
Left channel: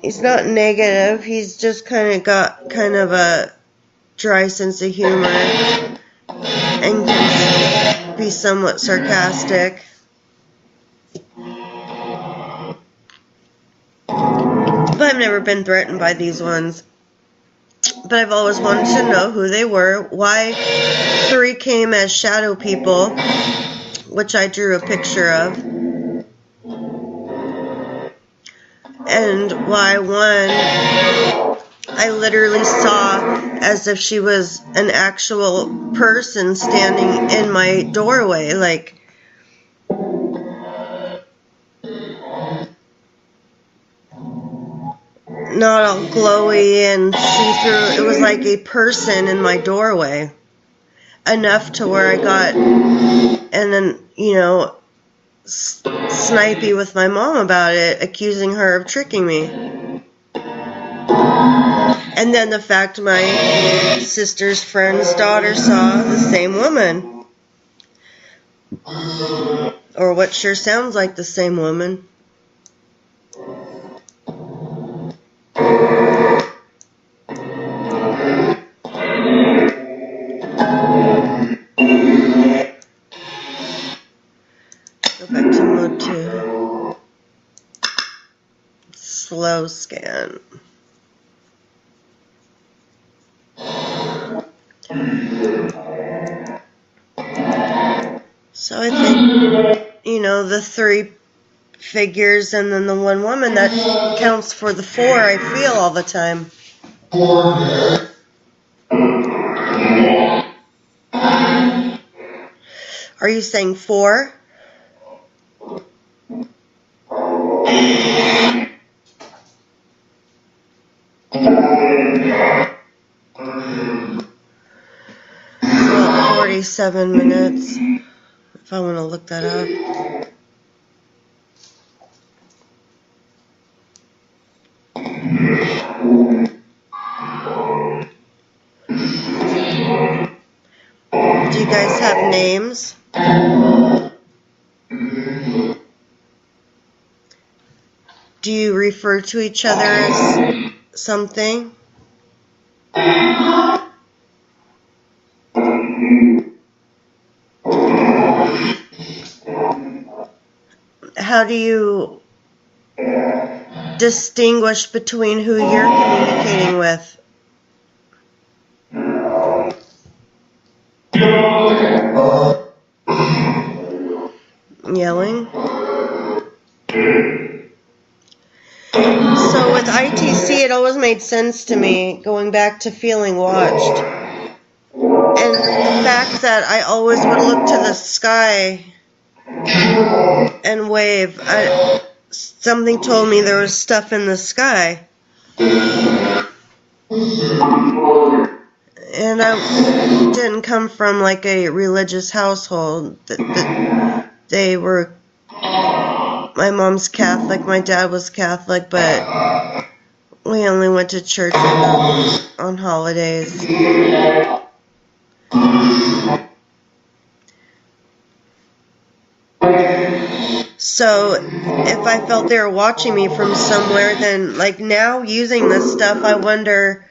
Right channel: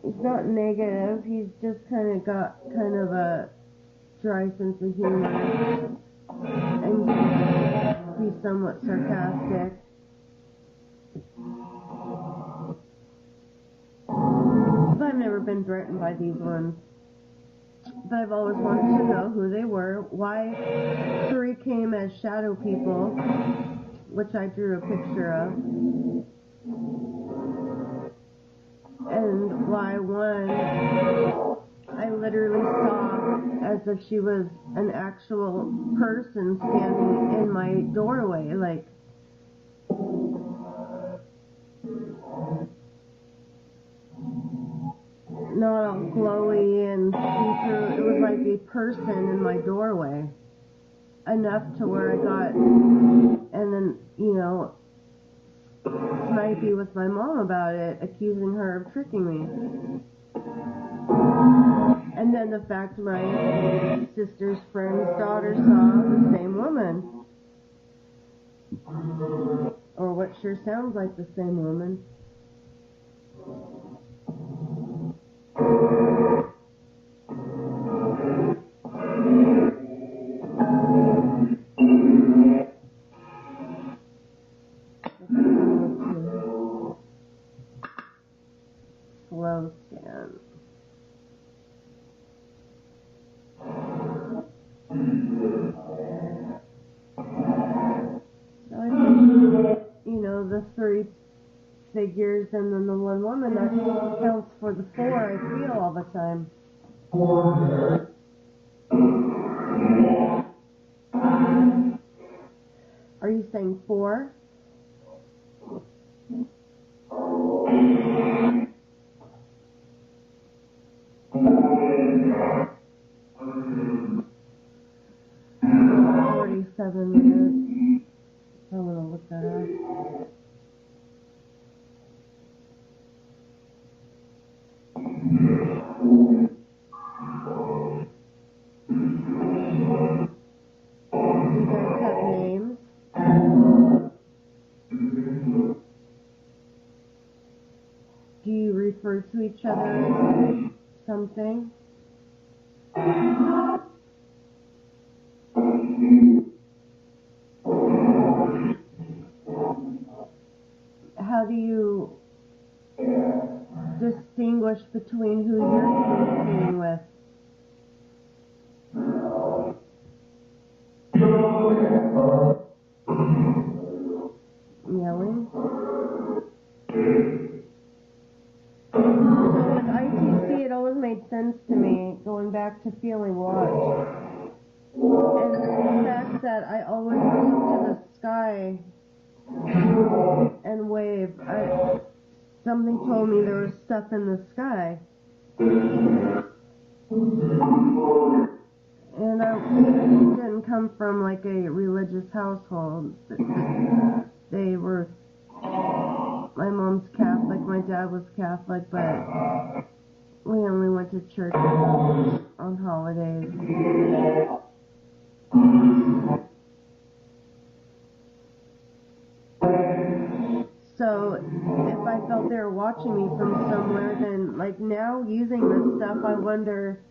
He's not negative, he's just kind of got kind of a dry sense of humor and can be somewhat sarcastic. But I've never been threatened by these ones. But I've always wanted to know who they were, why 3 came as shadow people, which I drew a picture of, and why 1 I literally saw as if she was an actual person standing in my doorway, like not all glowy and see-through. It was like a person in my doorway. Enough to where I got, and then, you know, snipey with my mom about it, accusing her of tricking me. And then the fact my sister's friend's daughter saw the same woman. Or what sure sounds like the same woman. Go back to mode 2. Slow scan. So I think, you know, the 3 figures and then the 1 woman, that counts for the 4 I feel all the time. Are you saying 4? About 47 minutes, if I want to look that up. Do you guys have names? Do you refer to each other as something? How do you distinguish between who you're communicating with? Yelling? So with ITC, it always made sense to me, going back to feeling watched. And the fact that I always would look to the sky and wave. Something told me there was stuff in the sky. And I didn't come from like a religious household. They were, my mom's Catholic, my dad was Catholic, but we only went to church on holidays. So if I felt they were watching me from somewhere, then like now using this stuff, I wonder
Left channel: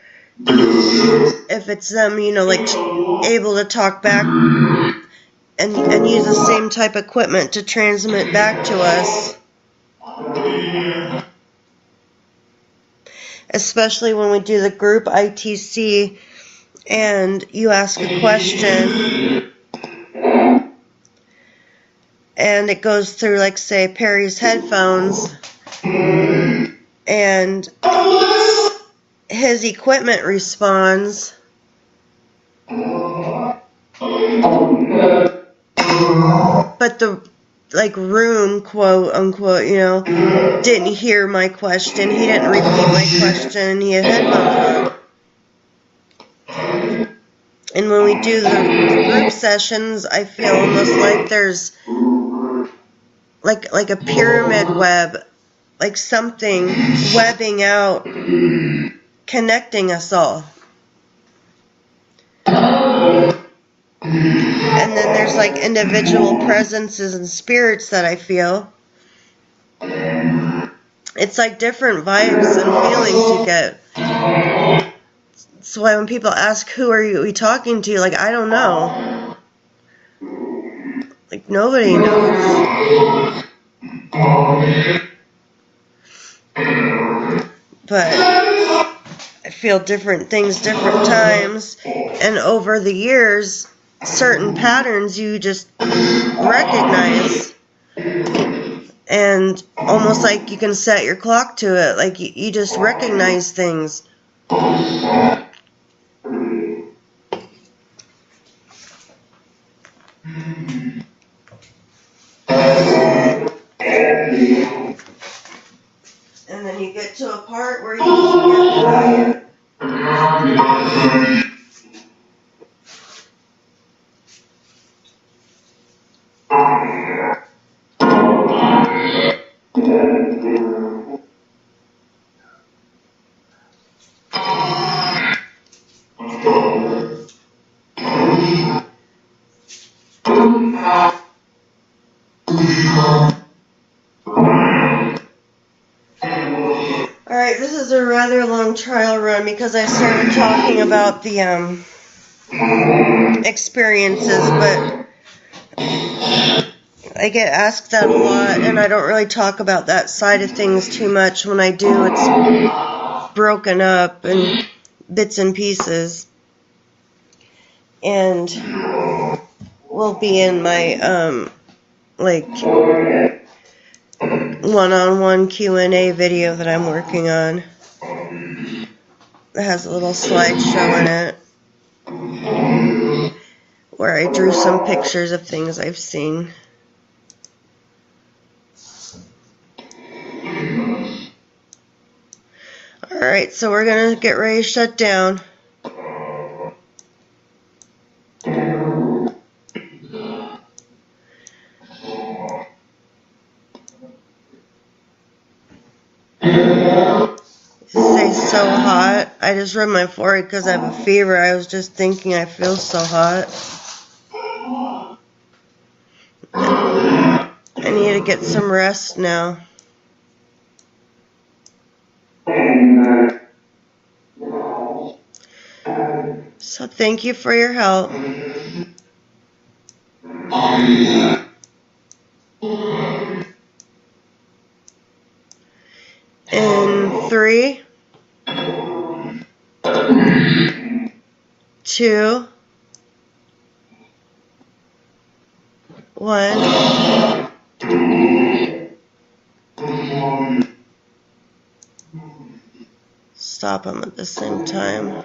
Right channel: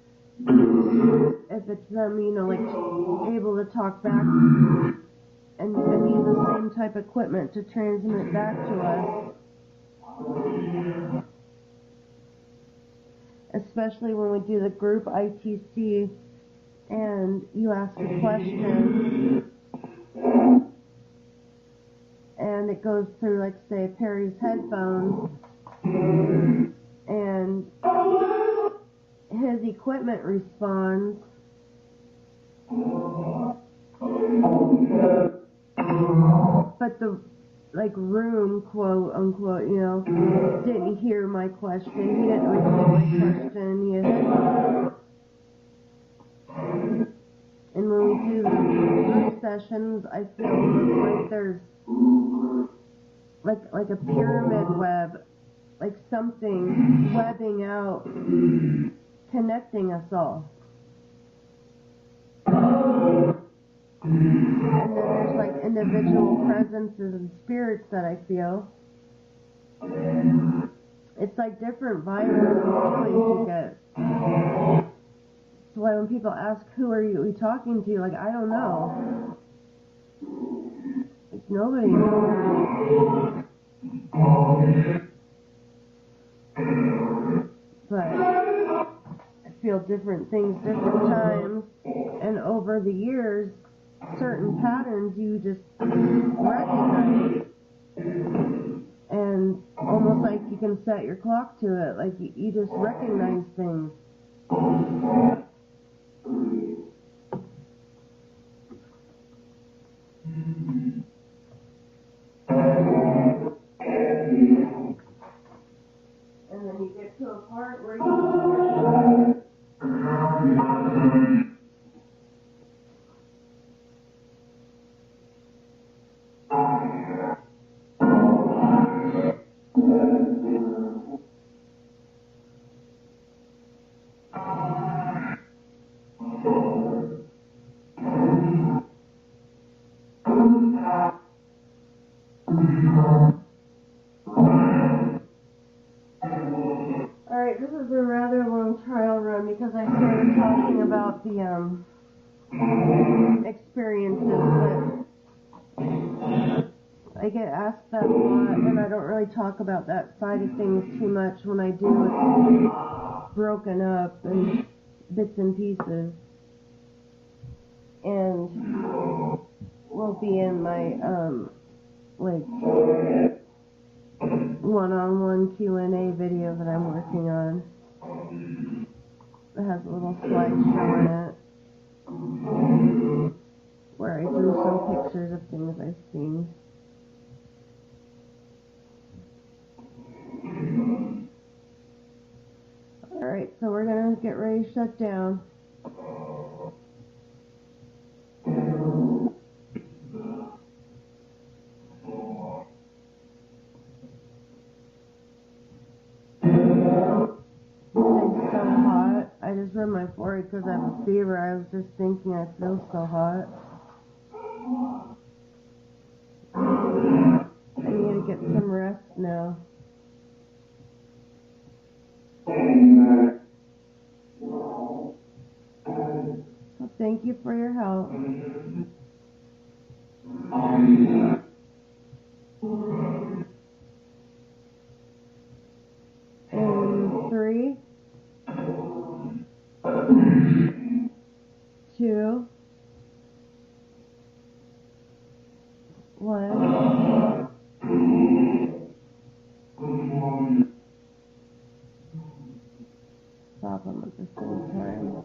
if it's them, you know, like able to talk back and use the same type of equipment to transmit back to us. Especially when we do the group ITC and you ask a question and it goes through, like, say, Perry's headphones and his equipment responds, but the, like, room, quote unquote, you know, didn't hear my question. He didn't repeat my question. He had headphones on. And when we do the group sessions, I feel almost like there's like a pyramid web, like something webbing out, connecting us all. And then there's like individual presences and spirits that I feel. It's like different vibes and feelings you get. So when people ask, who are you talking to? Like, I don't know. Like, nobody knows. But I feel different things different times. And over the years, certain patterns you just recognize. And almost like you can set your clock to it. Like, you just recognize things. And And then you get to a part where you just get quiet. Alright, this is a rather long trial run because I started talking about the experiences, but I get asked that a lot, and I don't really talk about that side of things too much. When I do, it's broken up in bits and pieces, and will be in my like one-on-one Q&A video that I'm working on. It has a little slideshow in it where I drew some pictures of things I've seen. Alright, so we're going to get ready to shut down. It's so hot. I just rubbed my forehead because I have a fever. I was just thinking I feel so hot. I need to get some rest now. So thank you for your help. In 3, 2, 1. Stop them at the same time.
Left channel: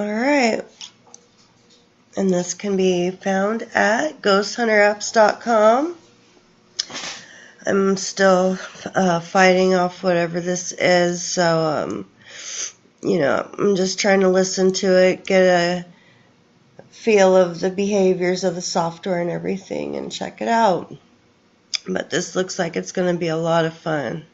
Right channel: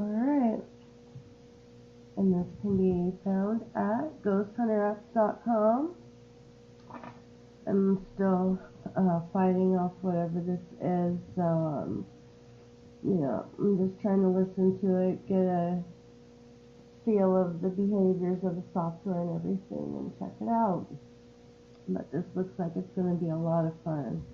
Alright, and this can be found at ghosthunterapp's.com. I'm still fighting off whatever this is, so, you know, I'm just trying to listen to it, get a feel of the behaviors of the software and everything, and check it out. But this looks like it's going to be a lot of fun.